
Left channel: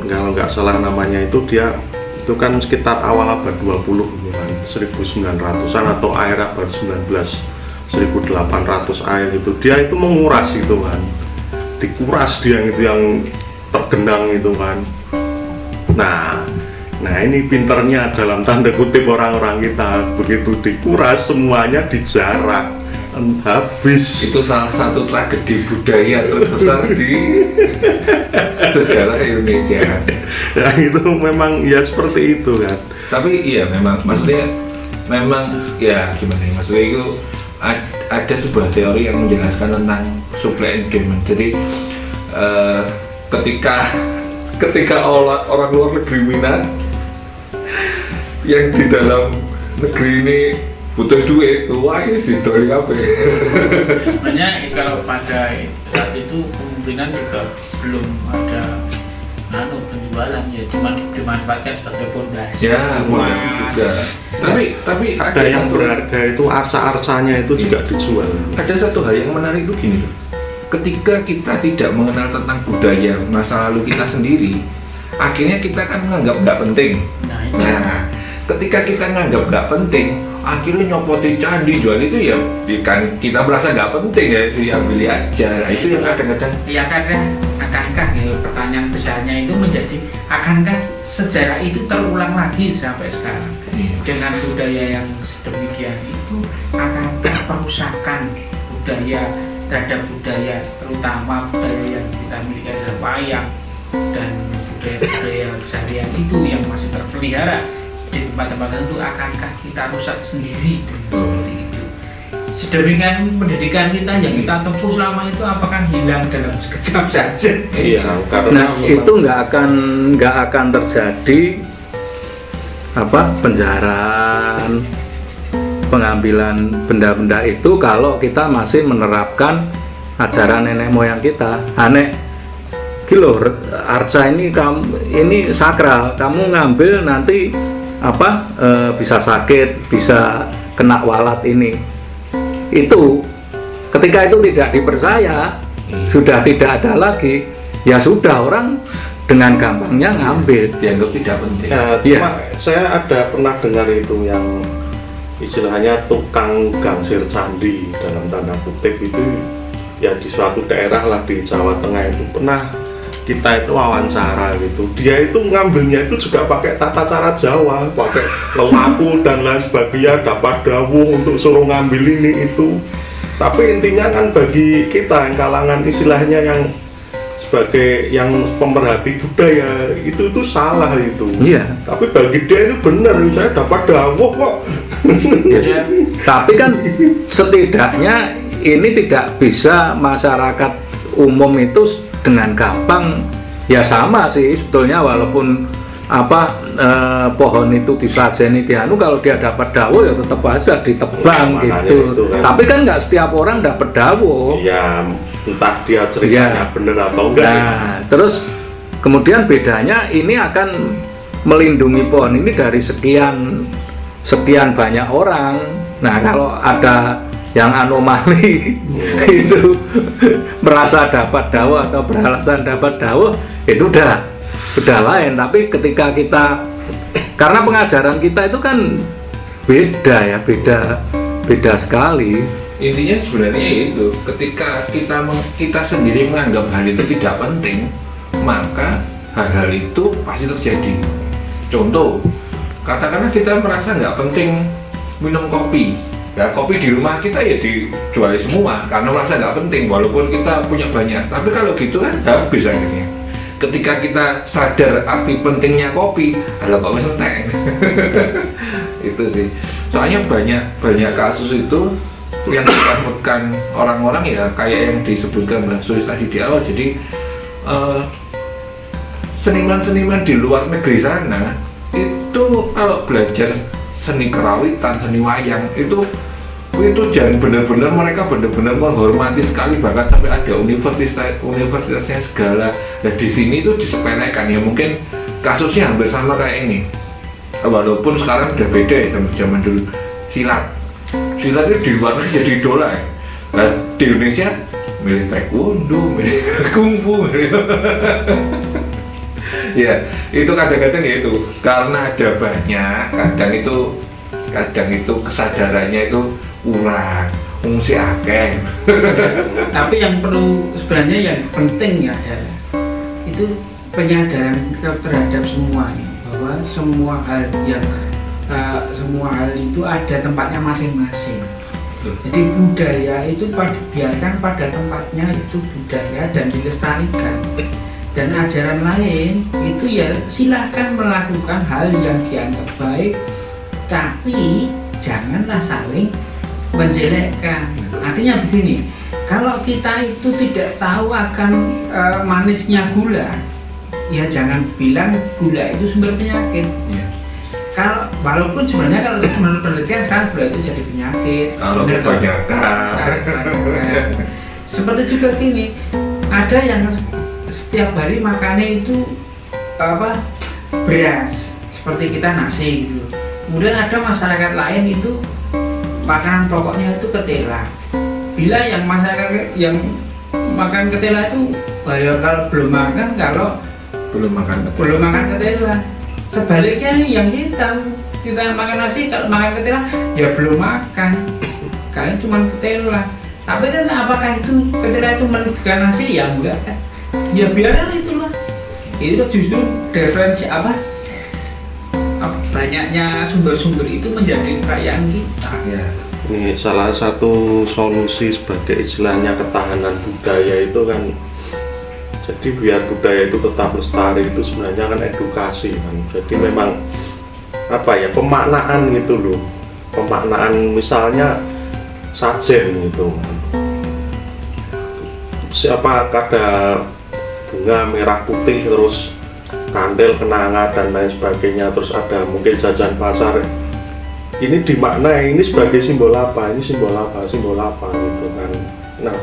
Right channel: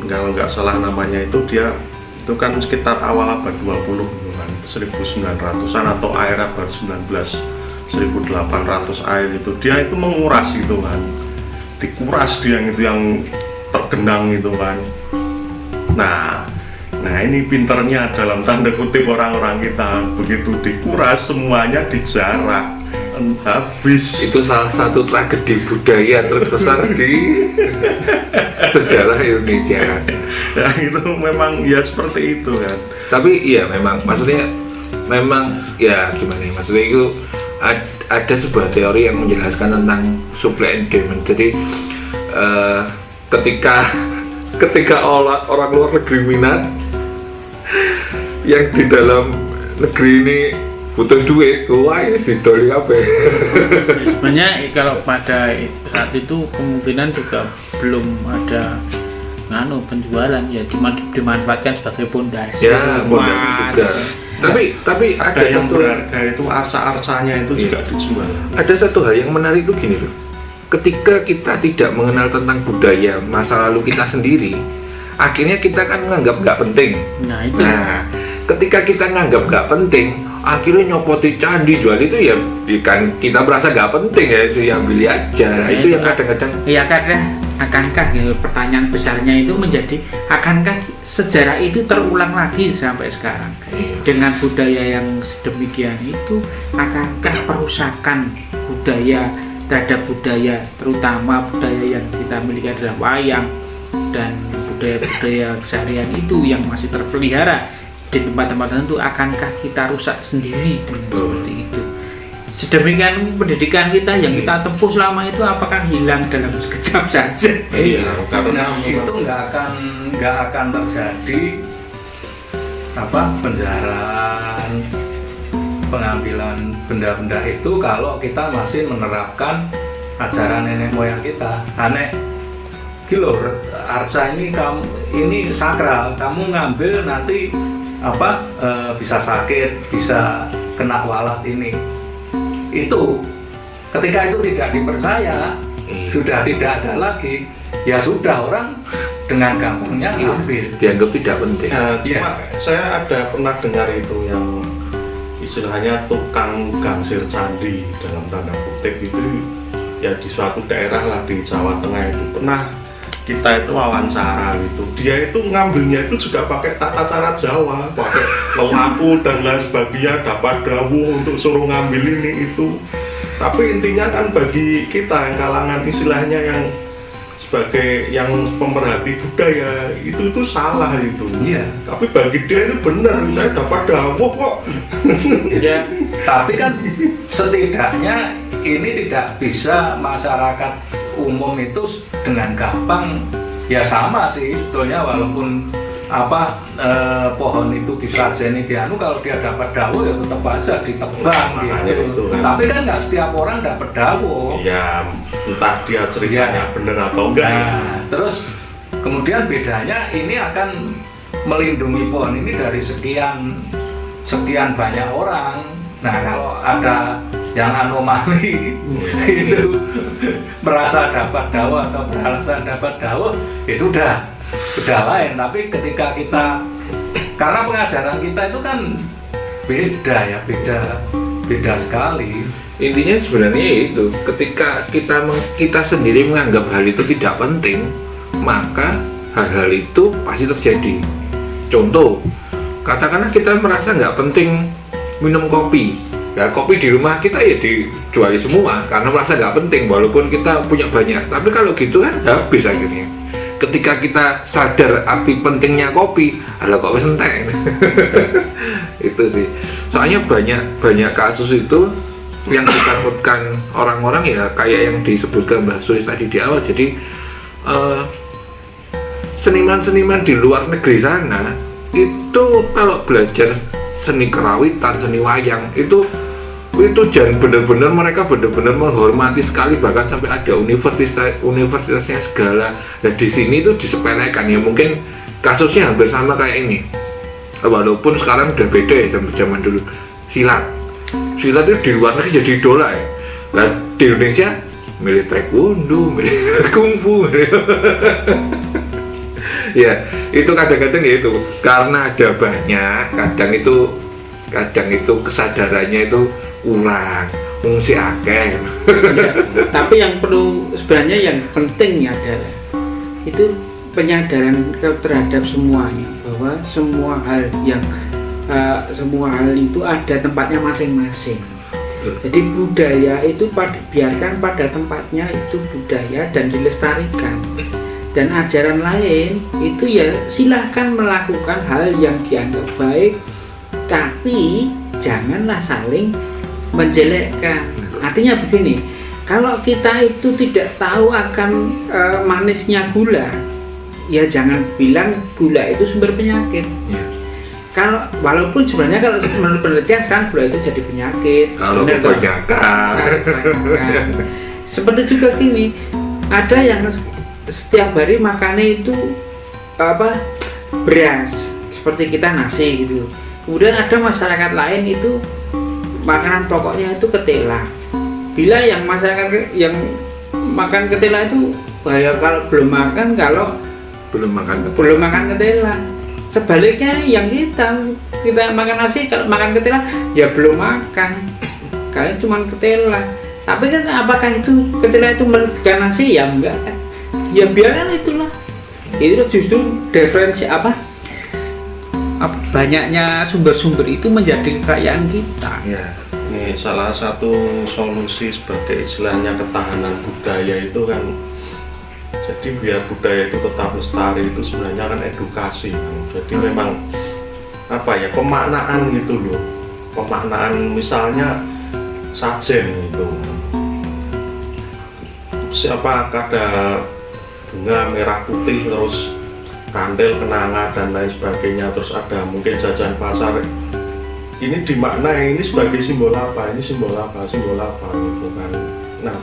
kalau nggak salah namanya itu, dia itu kan sekitar awal abad 20 kan, 1900-an atau akhir abad 1800 akhir itu, dia itu menguras itu kan, dikuras dia itu yang tergenang itu kan. Nah ini pinternya dalam tanda kutip orang-orang kita, begitu dikuras semuanya dijarah, habis. Itu salah satu tragedi budaya terbesar di sejarah Indonesia. Ya itu memang ya seperti itu kan. Tapi iya memang, maksudnya memang ya gimana ya, maksudnya itu ada sebuah teori yang menjelaskan tentang supply and demand. Jadi ketika orang luar negeri minat, yang di dalam negeri ini butuh duit, wah ya didoli apa? Sebenarnya kalau pada saat itu kemungkinan juga belum ada penjualan, ya cuma dimanfaatkan sebagai pondasi. Ya, juga. Tapi ada yang berharga itu arsa-arsanya itu juga dijual. Ada satu hal yang menarik itu gini loh. Ketika kita tidak mengenal tentang budaya masa lalu kita sendiri, akhirnya kita kan menganggap nggak penting. Nah, ketika kita nganggap nggak penting, akhirnya nyopotin candi jual itu ya kan kita merasa nggak penting, ya itu yang beli aja. Nah, itu yang kadang-kadang ya kadang akankah gitu, pertanyaan besarnya itu menjadi akankah sejarah itu terulang lagi sampai sekarang dengan budaya yang sedemikian itu? Akankah perusakan budaya terhadap budaya, terutama budaya yang kita miliki adalah wayang dan budaya keseharian itu yang masih terpelihara di tempat-tempat tertentu, akankah kita rusak sendiri dengan seperti itu? Sedemikian pendidikan kita yang kita tempuh selama itu apakah hilang dalam sekejap saja? Iya, karena itu nggak akan terjadi penjarahan, pengambilan benda-benda itu kalau kita masih menerapkan ajaran nenek moyang kita. Aneh kilo arca ini sakral, kamu ngambil nanti bisa sakit, bisa kena walat ini. Itu ketika itu tidak dipercaya, sudah tidak ada lagi, ya sudah orang dengan gampangnya ngambil, dianggap tidak penting. Cuma saya ada pernah dengar itu yang istilahnya tukang gangsir candi dalam tanda kutip itu, ya di suatu daerah lah di Jawa Tengah itu pernah kita itu wawancara gitu. Dia itu ngambilnya itu juga pakai tata cara Jawa, pakai lelaku dan lain sebagainya, dapat dawuh untuk suruh ngambil ini itu. Tapi intinya kan bagi kita yang kalangan istilahnya yang sebagai yang pemerhati budaya itu salah itu. Iya. Tapi bagi dia itu benar, saya dapat dawuh kok. Ya. Tapi kan setidaknya ini tidak bisa masyarakat umum itu dengan gampang, ya sama sih sebetulnya, walaupun pohon itu disajeni dianu, kalau dia dapat dawo ya tetap aja ditebang gitu. Kan. Tapi kan nggak setiap orang dapat dawo. Ya entah dia ceritanya benar atau enggak. Nah, terus kemudian bedanya ini akan melindungi pohon ini dari sekian banyak orang. Nah kalau ada yang anomali itu merasa dapat dawo atau beralasan dapat dawo, itu udah lain. Tapi ketika kita, karena pengajaran kita itu kan beda ya, beda sekali. Intinya sebenarnya itu, ketika kita sendiri menganggap hal itu tidak penting, maka hal-hal itu pasti terjadi. Contoh, katakanlah kita merasa nggak penting minum kopi. Nah, kopi di rumah kita ya dijuali semua karena merasa nggak penting, walaupun kita punya banyak. Tapi kalau gitu kan habis akhirnya. Ketika kita sadar arti pentingnya kopi, ada kok wis entek. Itu sih. Soalnya banyak kasus itu yang ditakutkan orang-orang ya kayak yang disebutkan Mbak Sulis tadi di awal. Jadi seniman-seniman di luar negeri sana itu kalau belajar seni kerawitan, seni wayang itu jangan benar-benar mereka benar-benar menghormati sekali, bahkan sampai ada universitasnya segala. Dan di sini itu disepelekan, ya mungkin kasusnya hampir sama kayak ini. walaupun sekarang udah beda ya sama zaman dulu. Silat itu di luar negeri jadi idola ya. Nah, di Indonesia milih taekwondo, milih kungfu. Ya, itu kadang-kadang ya itu karena ada banyak, kadang itu kesadarannya itu kurang, fungsi akeh. Tapi yang perlu sebenarnya yang penting adalah itu penyadaran terhadap semuanya, bahwa semua hal itu ada tempatnya masing-masing. Jadi budaya itu biarkan pada tempatnya itu budaya dan dilestarikan. Dan ajaran lain itu ya silahkan melakukan hal yang dianggap baik, tapi janganlah saling menjelekkan. Artinya begini, kalau kita itu tidak tahu akan manisnya gula, ya jangan bilang gula itu sumber penyakit. Kalau walaupun sebenarnya kalau menurut penelitian sekarang gula itu jadi penyakit. Kalau kebanyakan. Seperti juga gini, ada yang setiap hari makannya itu beras, seperti kita nasi gitu. Kemudian ada masyarakat lain itu makanan pokoknya itu ketela. Bila yang masyarakat yang makan ketela itu bahaya kalau belum makan ketela. Sebaliknya yang kita makan nasi, kalau makan ketela ya belum makan, kalian cuma ketela. Tapi kan apakah itu ketela itu merugikan nasi? Ya enggak kan. Ya biarlah itulah. Itu justru referensi banyaknya sumber-sumber itu menjadi kekayaan kita. Ya. Ini salah satu solusi sebagai istilahnya ketahanan budaya itu kan. Jadi biar budaya itu tetap lestari itu sebenarnya kan edukasi kan. Jadi memang pemaknaan gitu loh. Pemaknaan misalnya sajen gitu. Siapa ada bunga merah putih terus kandel kenanga dan lain sebagainya, terus ada mungkin jajan pasar. Ini dimaknai ini sebagai simbol apa? Ini simbol apa gitu kan. Nah,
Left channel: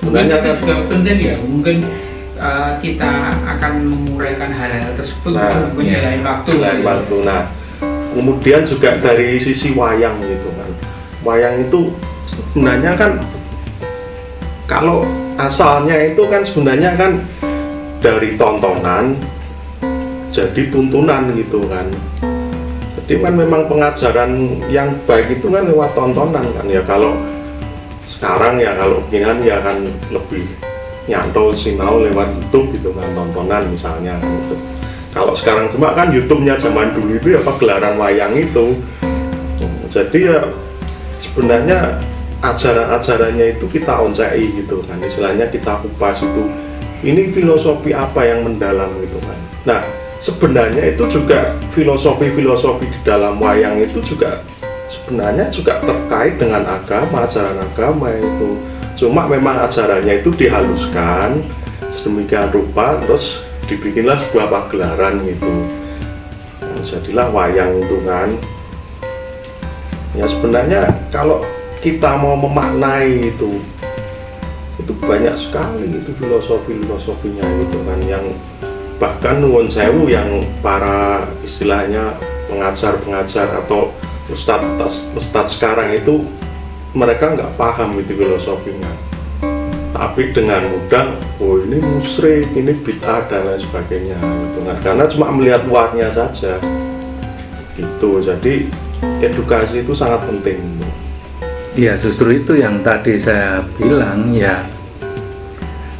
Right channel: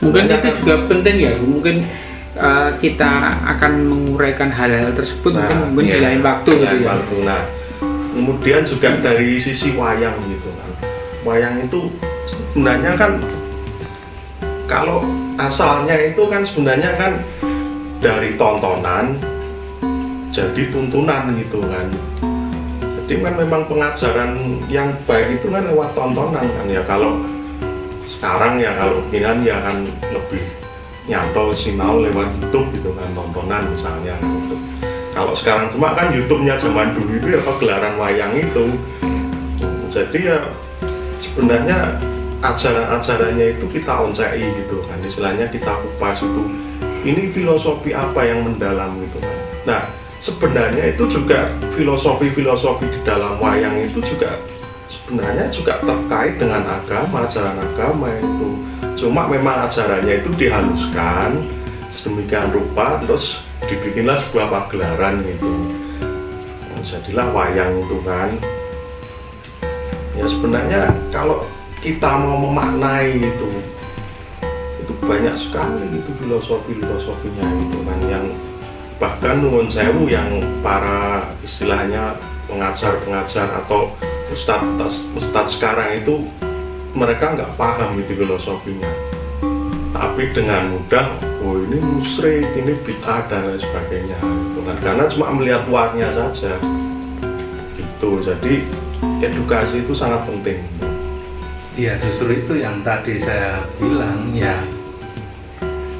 mungkin itu juga penting ya. Mungkin kita akan menguraikan hal-hal tersebut mungkin di lain waktu. Nah, kemudian juga dari sisi wayang gitu kan. Wayang itu sebenarnya kan kalau asalnya itu kan sebenarnya kan dari tontonan jadi tuntunan gitu kan. Jadi kan memang pengajaran yang baik itu kan lewat tontonan kan ya. Kalau sekarang ya kalau beginian ya kan lebih nyantol sinau lewat YouTube gitu kan, tontonan misalnya gitu. Kalau sekarang cuma kan YouTube-nya zaman dulu itu ya pagelaran wayang itu. Jadi ya sebenarnya ajaran-ajarannya itu kita oncei gitu kan, istilahnya kita kupas itu. Ini filosofi apa yang mendalam gitu kan. Nah, sebenarnya itu juga filosofi-filosofi di dalam wayang itu juga sebenarnya juga terkait dengan agama, ajaran agama itu. Cuma memang ajarannya itu dihaluskan sedemikian rupa, terus dibikinlah sebuah pagelaran gitu. Nah, jadilah wayang itu kan. Ya sebenarnya kalau kita mau memaknai itu banyak sekali itu filosofinya gitu kan, yang bahkan nuwun sewu yang para istilahnya pengajar atau ustadz sekarang itu mereka nggak paham itu filosofinya, tapi dengan mudah ini musyrik, ini bid'ah dan lain sebagainya gitu kan, karena cuma melihat luarnya saja gitu. Jadi edukasi itu sangat penting. Ya justru itu yang tadi saya bilang ya,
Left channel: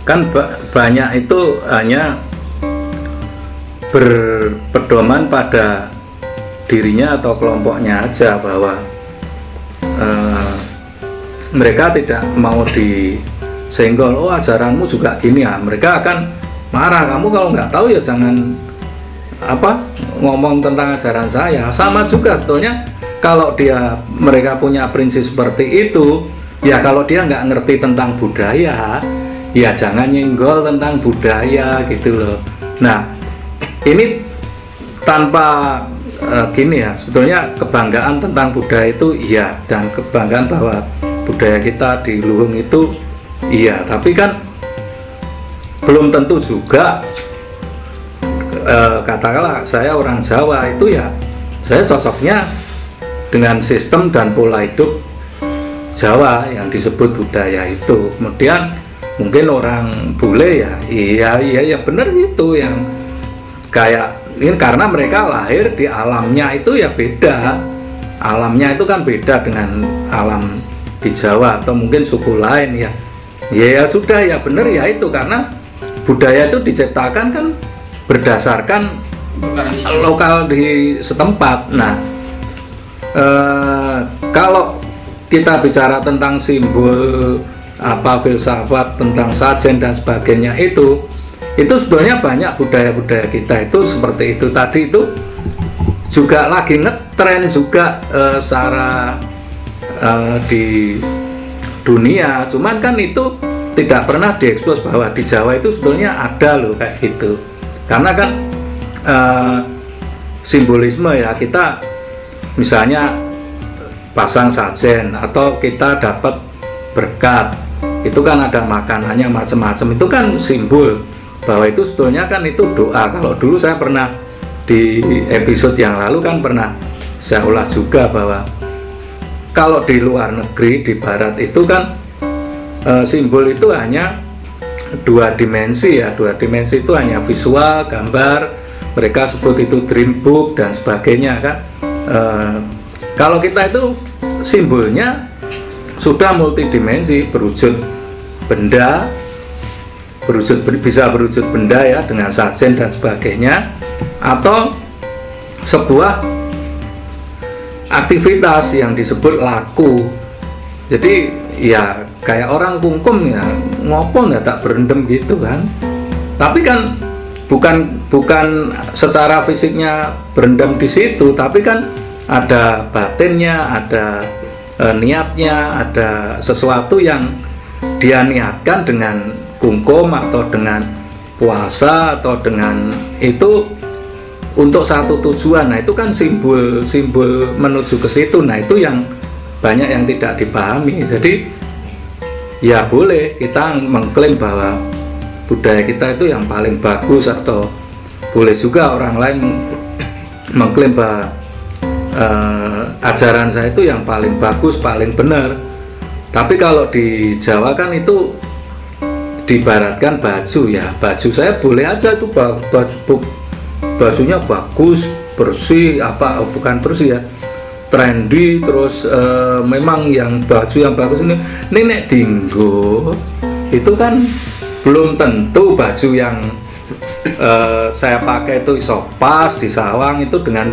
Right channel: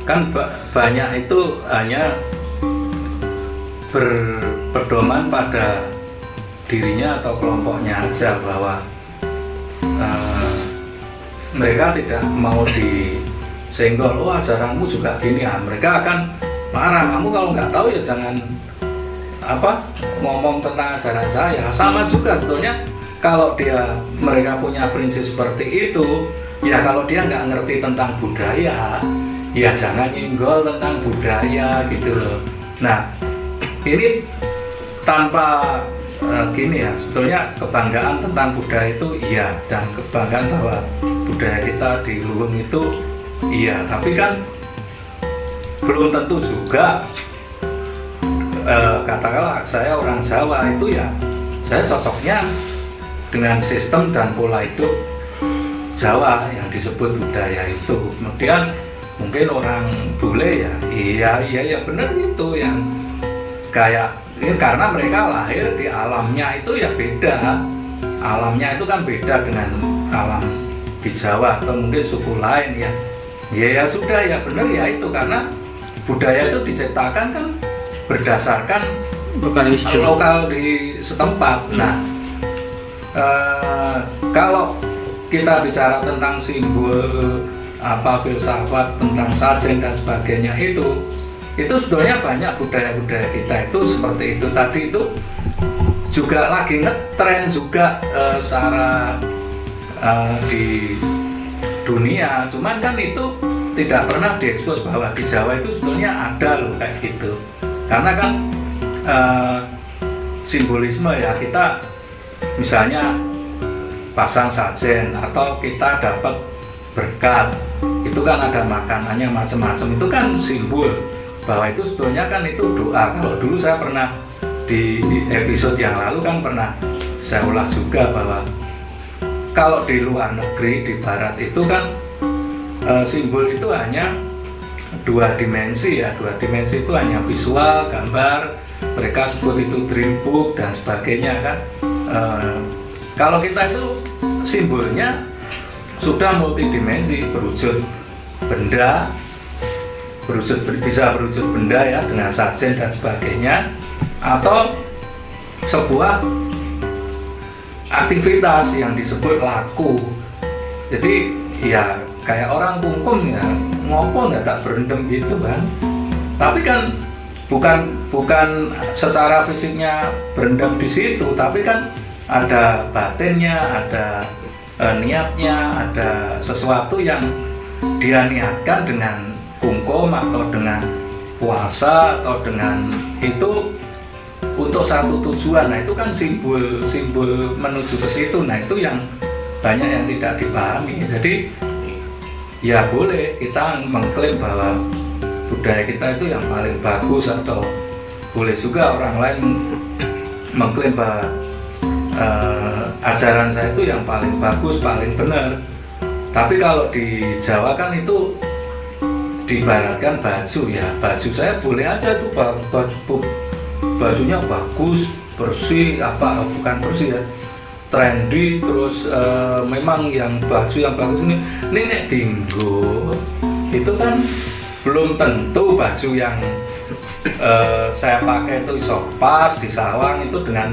kan banyak itu hanya berpedoman pada dirinya atau kelompoknya aja, bahwa mereka tidak mau disenggol, oh ajaranmu juga gini ya, mereka akan marah. Kamu kalau nggak tahu ya jangan ngomong tentang ajaran saya. Sama juga sebetulnya kalau mereka punya prinsip seperti itu, ya kalau dia nggak ngerti tentang budaya, ya jangan nyenggol tentang budaya gitu loh. Nah ini tanpa gini ya, sebetulnya kebanggaan tentang budaya itu iya, dan kebanggaan bahwa budaya kita di Luhung itu iya, tapi kan belum tentu juga katakanlah saya orang Jawa itu ya saya cocoknya dengan sistem dan pola hidup Jawa yang disebut budaya itu. Kemudian mungkin orang bule ya benar itu yang kayak ini, karena mereka lahir di alamnya itu ya beda. Alamnya itu kan beda dengan alam di Jawa atau mungkin suku lain ya. Ya sudah ya benar ya itu, karena budaya itu diciptakan kan berdasarkan lokal di setempat. Nah, kalau kita bicara tentang simbol filsafat tentang sajen dan sebagainya itu sebetulnya banyak budaya-budaya kita itu seperti itu tadi, itu juga lagi ngetren juga secara di dunia, cuman kan itu tidak pernah diekspos bahwa di Jawa itu sebetulnya ada loh kayak gitu. Karena kan simbolisme ya, kita misalnya pasang sajen atau kita dapat berkat, itu kan ada makanannya macam-macam, itu kan simbol bahwa itu sebetulnya kan itu doa. Kalau dulu saya pernah di episode yang lalu kan pernah saya ulas juga bahwa kalau di luar negeri, di barat itu kan simbol itu hanya dua dimensi ya, dua dimensi itu hanya visual, gambar, mereka sebut itu dream book dan sebagainya kan. Kalau kita itu simbolnya sudah multidimensi, berwujud benda, bisa berwujud benda ya dengan sajen dan sebagainya, atau sebuah aktivitas yang disebut laku. Jadi ya kayak orang kungkum ya, ngopo nggak tak berendam gitu kan. Tapi kan bukan secara fisiknya berendam di situ, tapi kan ada batinnya, ada niatnya, ada sesuatu yang dia niatkan dengan kungkum atau dengan puasa atau dengan itu untuk satu tujuan. Nah itu kan simbol menuju ke situ. Nah itu yang banyak yang tidak dipahami. Jadi ya boleh kita mengklaim bahwa budaya kita itu yang paling bagus, atau boleh juga orang lain mengklaim bahwa ajaran saya itu yang paling bagus, paling benar. Tapi kalau di Jawa kan itu diibaratkan baju ya, baju saya boleh aja tuh bajunya bagus, bersih, bukan bersih ya, trendy, terus memang yang baju yang bagus ini nek dinggo itu kan belum tentu baju yang saya pakai itu iso pas di sawang itu dengan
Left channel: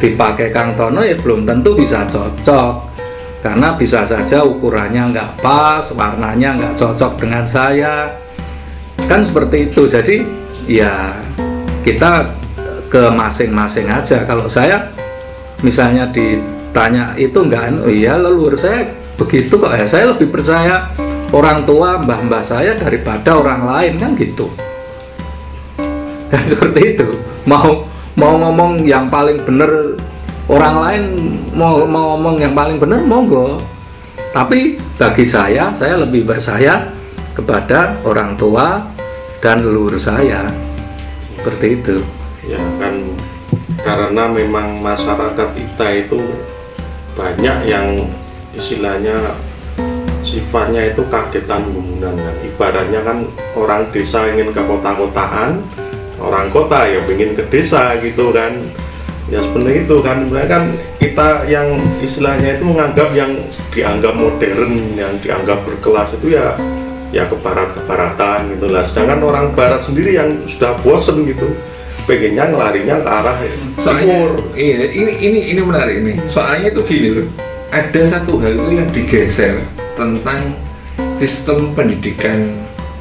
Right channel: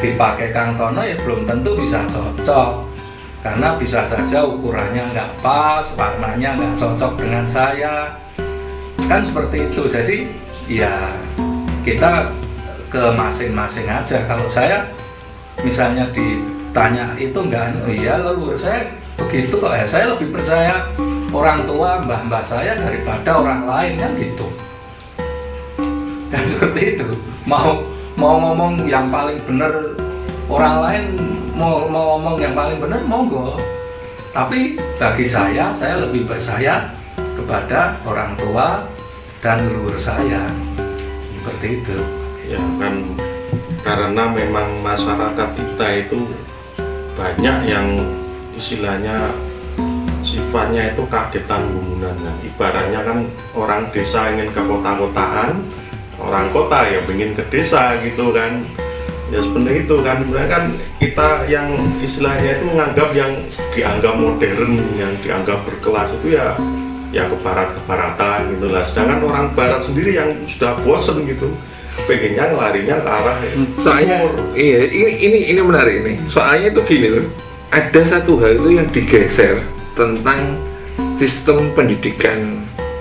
dipakai Kang Tono ya belum tentu bisa cocok, karena bisa saja ukurannya nggak pas, warnanya nggak cocok dengan saya, kan seperti itu. Jadi ya kita ke masing-masing aja. Kalau saya misalnya ditanya itu enggak, iya leluhur saya begitu kok ya, saya lebih percaya orang tua mbah-mbah saya daripada orang lain kan gitu. Dan seperti itu, mau ngomong yang paling benar orang lain, mau ngomong yang paling benar monggo, tapi bagi saya lebih percaya kepada orang tua dan leluhur saya, seperti itu ya kan. Karena memang masyarakat kita itu banyak yang istilahnya sifatnya itu kagetan gumunan kan. Ibaratnya kan orang desa ingin ke kota-kotaan, orang kota ya ingin ke desa gitu kan. Ya sebenarnya itu kan, sebenarnya kan kita yang istilahnya itu menganggap yang dianggap modern, yang dianggap berkelas itu ya ke barat-kebaratan gitu lah. Sedangkan orang barat sendiri yang sudah bosen gitu, pengennya ngelarinya ke arah soalnya iya, ini menarik ini. Soalnya itu gini loh, ada satu hal itu yang digeser tentang sistem pendidikan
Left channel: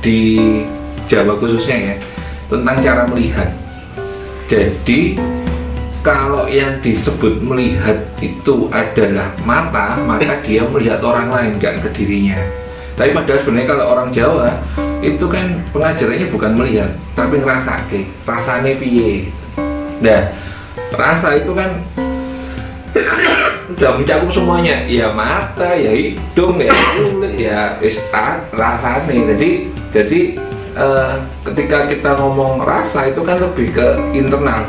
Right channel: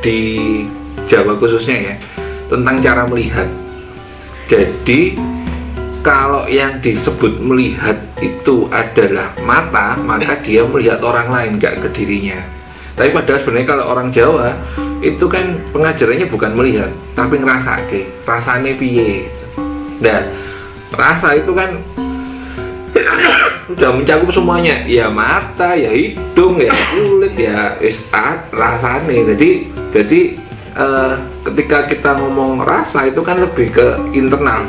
di Jawa khususnya ya, tentang cara melihat. Jadi kalau yang disebut melihat itu adalah mata, maka dia melihat orang lain, gak ke dirinya. Tapi padahal sebenarnya kalau orang Jawa itu kan pengajarannya bukan melihat, tapi ngerasake, rasane piye. Nah, rasa itu kan udah mencakup semuanya, ya mata, ya hidung, ya kulit, ya rasane. Jadi ketika kita ngomong rasa itu kan lebih ke internal.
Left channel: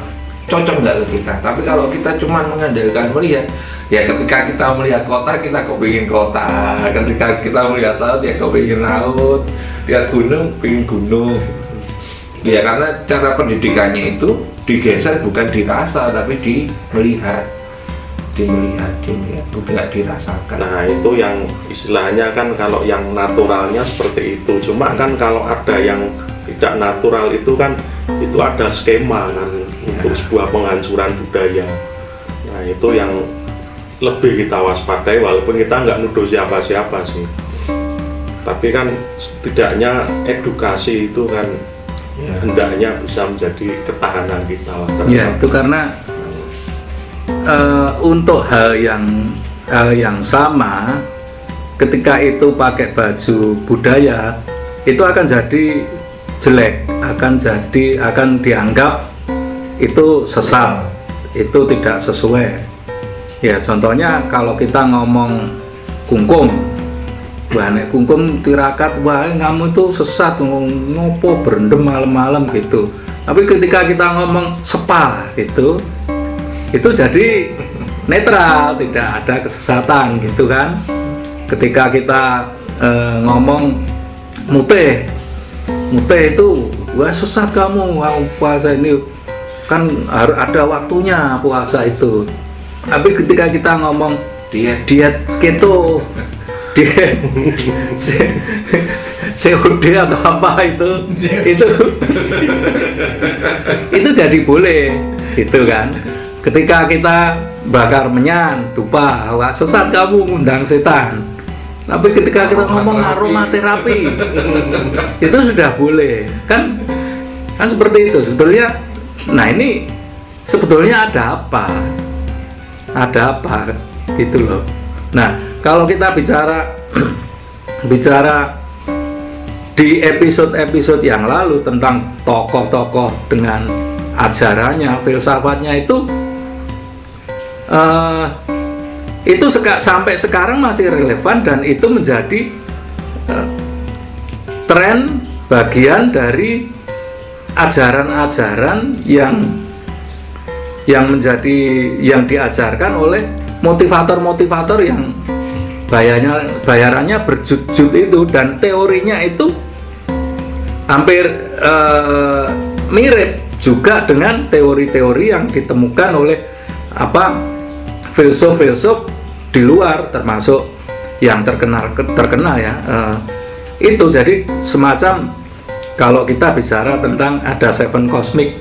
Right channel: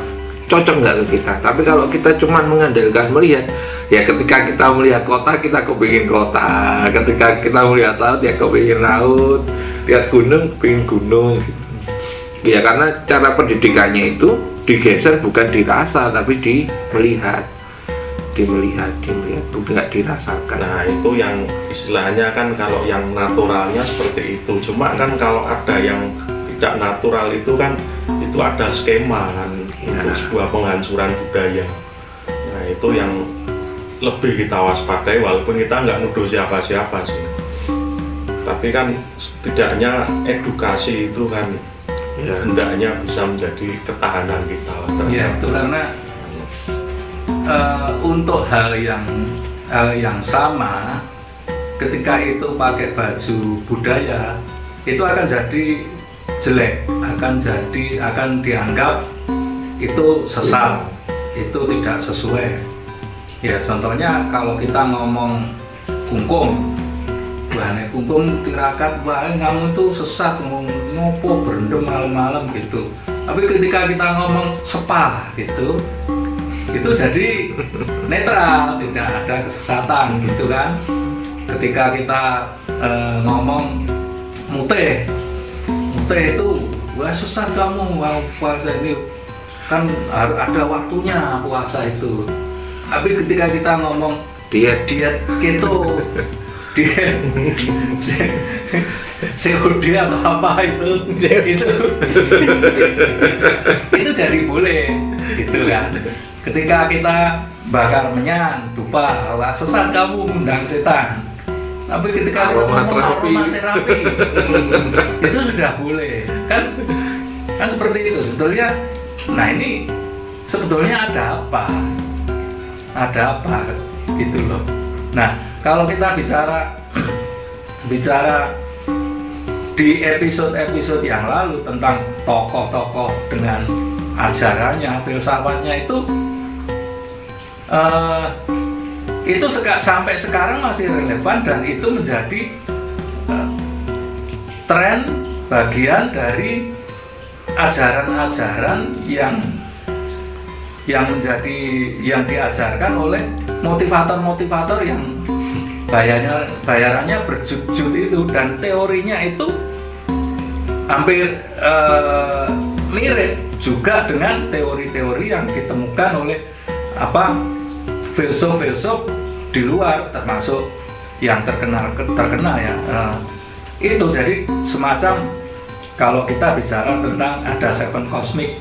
cocok nggak ke kita. Tapi kalau kita cuma mengandalkan melihat, ya ketika kita melihat kota kita kepingin kota, ketika kita melihat laut ya kepingin laut, lihat gunung pengen gunung. Ya karena cara pendidikannya itu digeser bukan dirasa tapi dimelihat, bukan dirasakan. Nah itu yang istilahnya kan kalau yang naturalnya seperti itu. Cuma kan kalau ada yang tidak natural itu kan itu ada skema kan untuk sebuah penghancuran budaya. Nah itu yang lebih kita waspadai walaupun kita nggak nuduh siapa-siapa sih. Tapi kan setidaknya edukasi itu kan hendaknya bisa menjadi ketahanan kita. Ya itu karena untuk hal yang sama, ketika itu pakai baju budaya itu akan jadi jelek, akan dianggap itu sesat, itu tidak sesuai. Ya contohnya kalau kita ngomong kungkum, nek kungkum tirakat, wah kamu itu sesat, ngopo berendam malam-malam gitu. Tapi ketika kita ngomong sepal gitu, itu jadi netral, tidak ada kesesatan gitu kan. Ketika kita ngomong muteh itu wah sesat kamu, wah puasa ini kan harus ada waktunya puasa itu. Tapi ketika kita ngomong diet keto, diet COD atau apa itu jadi boleh gitu kan. Ketika kita bakar menyan, dupa, wah sesat kamu ngundang setan. Tapi ketika kita ngomong aromaterapi itu sudah boleh kan seperti itu sebetulnya. Nah ini sebetulnya ada apa gitu loh. Nah kalau kita bicara di episode yang lalu tentang tokoh-tokoh dengan ajarannya, filsafatnya itu sampai sekarang masih relevan dan itu menjadi tren bagian dari ajaran-ajaran yang diajarkan oleh motivator-motivator yang bayarannya berjut-jut itu, dan teorinya itu hampir mirip juga dengan teori-teori yang ditemukan oleh filsuf-filsuf di luar, termasuk yang terkenal ya. Itu jadi semacam kalau kita bicara tentang ada 7 cosmic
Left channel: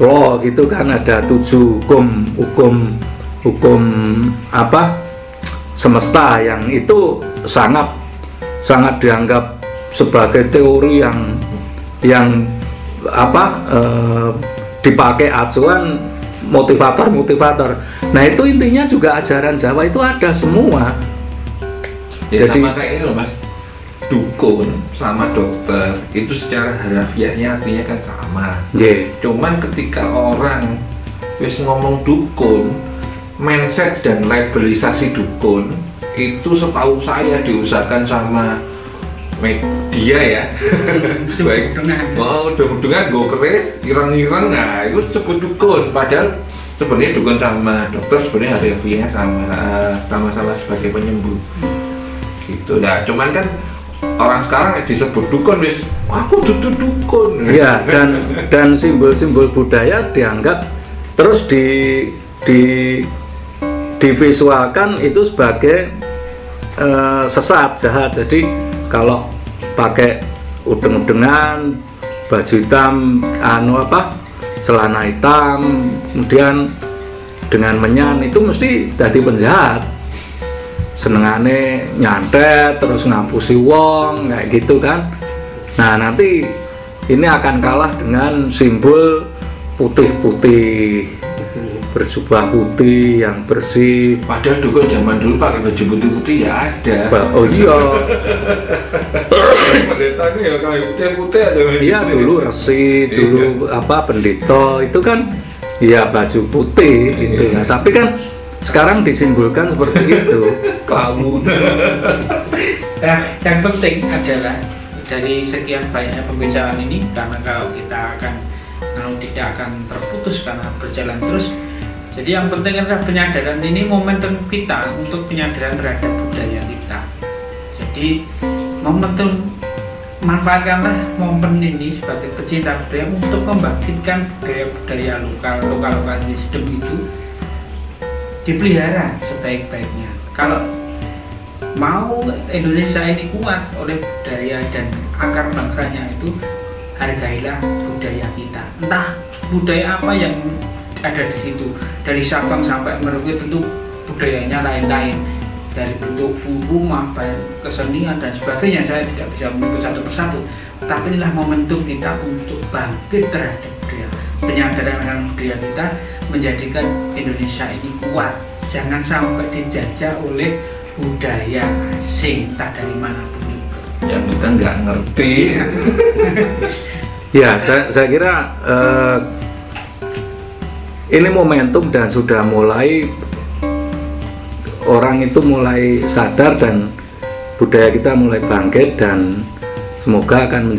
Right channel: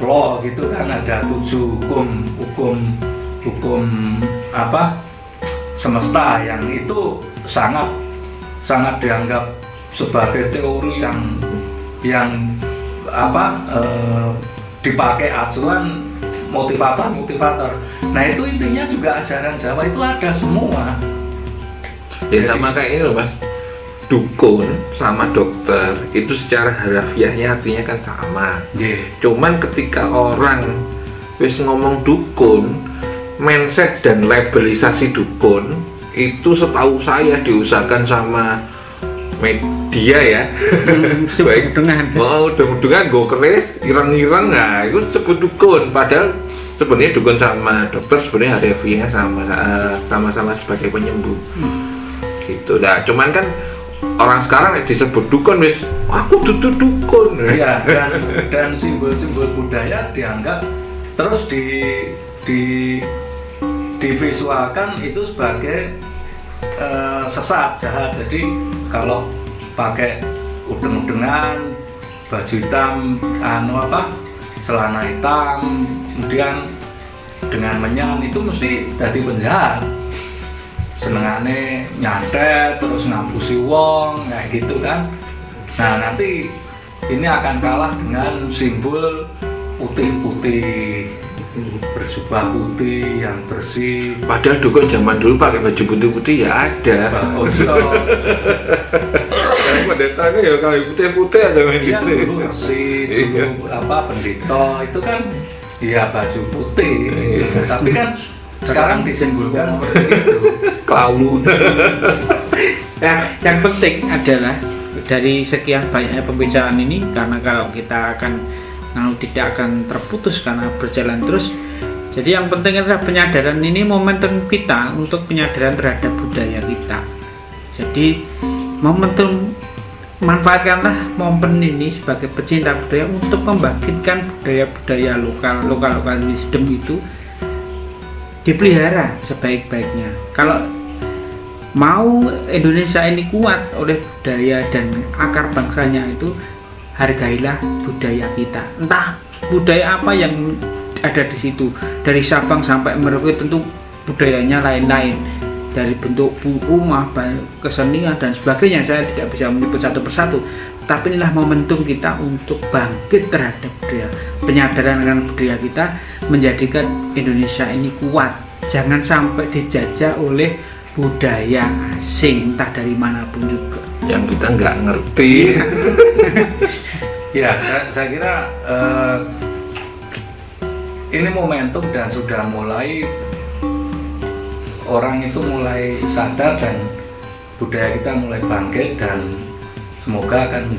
law gitu kan, ada 7 hukum semesta yang itu sangat dianggap sebagai teori yang dipakai acuan motivator. Nah itu intinya juga ajaran Jawa itu ada semua. Ya sama kayak ini loh Mas, dukun sama dokter itu secara harafiahnya artinya kan sama. Cuman ketika orang wis ngomong dukun, mindset dan labelisasi dukun itu setahu saya diusahakan sama media ya. Baik dengan gue keris irang-irang, nah itu disebut dukun. Padahal sebenarnya dukun sama dokter sebenarnya harafiahnya sama-sama sebagai penyembuh gitu. Nah cuman kan orang sekarang disebut dukun wis aku dukun ya, dan simbol-simbol budaya dianggap terus divisualkan itu sebagai sesat, jahat. Jadi kalau pakai udeng-udengan, baju hitam, celana hitam, kemudian dengan menyan itu mesti jadi penjahat. Senengane nyantet terus ngapusi wong kayak gitu kan. Nah nanti ini akan kalah dengan simbol putih-putih, berjubah putih yang bersih. Padahal dukun zaman dulu pakai baju putih-putih ya ada. Oh iya. Pendetanya ya kalau putih-putih aja. Iya dulu resi, dulu pendeta itu kan ya baju putih gitu. Nah, tapi kan sekarang disimbolkan seperti itu. Kamu. Nah, yang penting adalah dari sekian banyaknya pembicaraan ini, karena kalau kita akan lalu tidak akan terputus karena berjalan terus. Jadi yang penting adalah penyadaran ini, momentum kita untuk penyadaran terhadap budaya kita. Jadi momentum, manfaatkanlah momen ini sebagai pecinta budaya untuk membangkitkan budaya-budaya lokal wisdom itu dipelihara sebaik-baiknya. Kalau mau Indonesia ini kuat oleh budaya dan akar bangsanya itu, hargailah budaya kita. Entah budaya apa yang ada di situ, dari Sabang sampai Merauke tentu budayanya lain-lain, dari bentuk rumah, kesenian dan sebagainya. Saya tidak bisa menyebut satu persatu, tapi inilah momentum kita untuk bangkit terhadap budaya, penyadaran akan budaya kita, menjadikan Indonesia ini kuat. Jangan sampai dijajah oleh budaya asing, entah dari manapun juga, yang kita nggak ngerti. Ya, saya kira ini momentum dan sudah mulai orang itu mulai sadar dan budaya kita mulai bangkit, dan semoga akan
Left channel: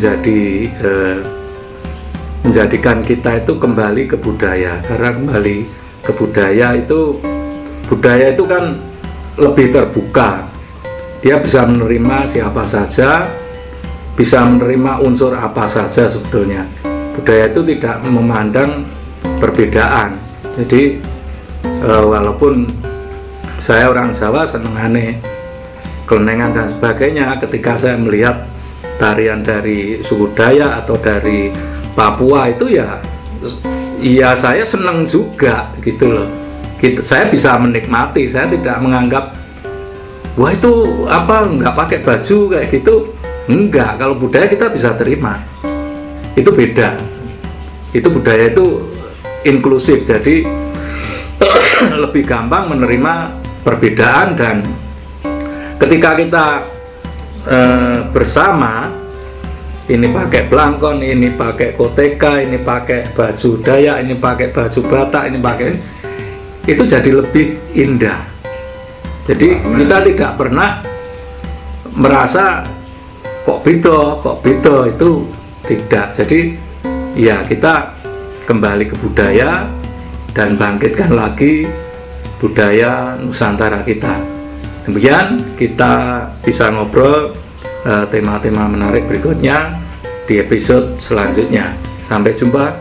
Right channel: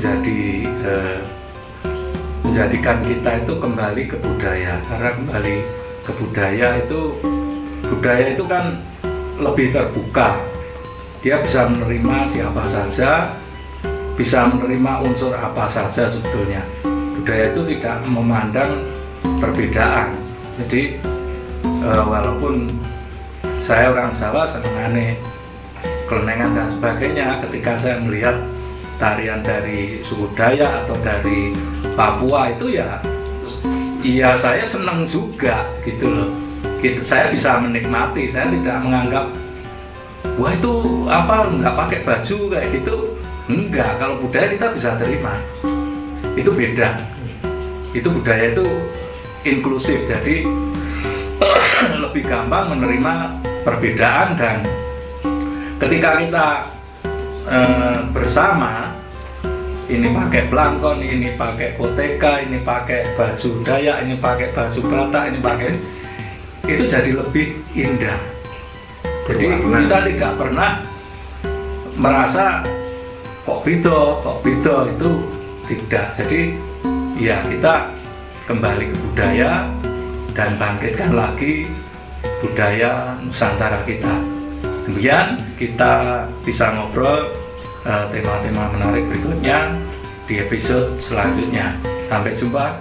menjadikan kita itu kembali ke budaya. Karena kembali ke budaya itu kan lebih terbuka, dia bisa menerima siapa saja, bisa menerima unsur apa saja sebetulnya. Budaya itu tidak memandang perbedaan. Jadi walaupun saya orang Jawa senengane kelenengan dan sebagainya, ketika saya melihat tarian dari suku Dayak atau dari Papua itu ya saya seneng juga gitu loh. Saya bisa menikmati, saya tidak menganggap wah itu apa nggak pakai baju kayak gitu, enggak. Kalau budaya kita bisa terima, itu beda. Itu budaya itu inklusif, jadi lebih gampang menerima perbedaan. Dan ketika kita bersama, ini pakai belangkon, ini pakai koteka, ini pakai baju Dayak, ini pakai baju Batak, ini pakai, itu jadi lebih indah. Jadi kita tidak pernah merasa kok beda itu tidak. Jadi ya kita kembali ke budaya dan bangkitkan lagi budaya Nusantara kita. Demikian kita bisa ngobrol tema-tema menarik berikutnya di episode selanjutnya. Sampai jumpa.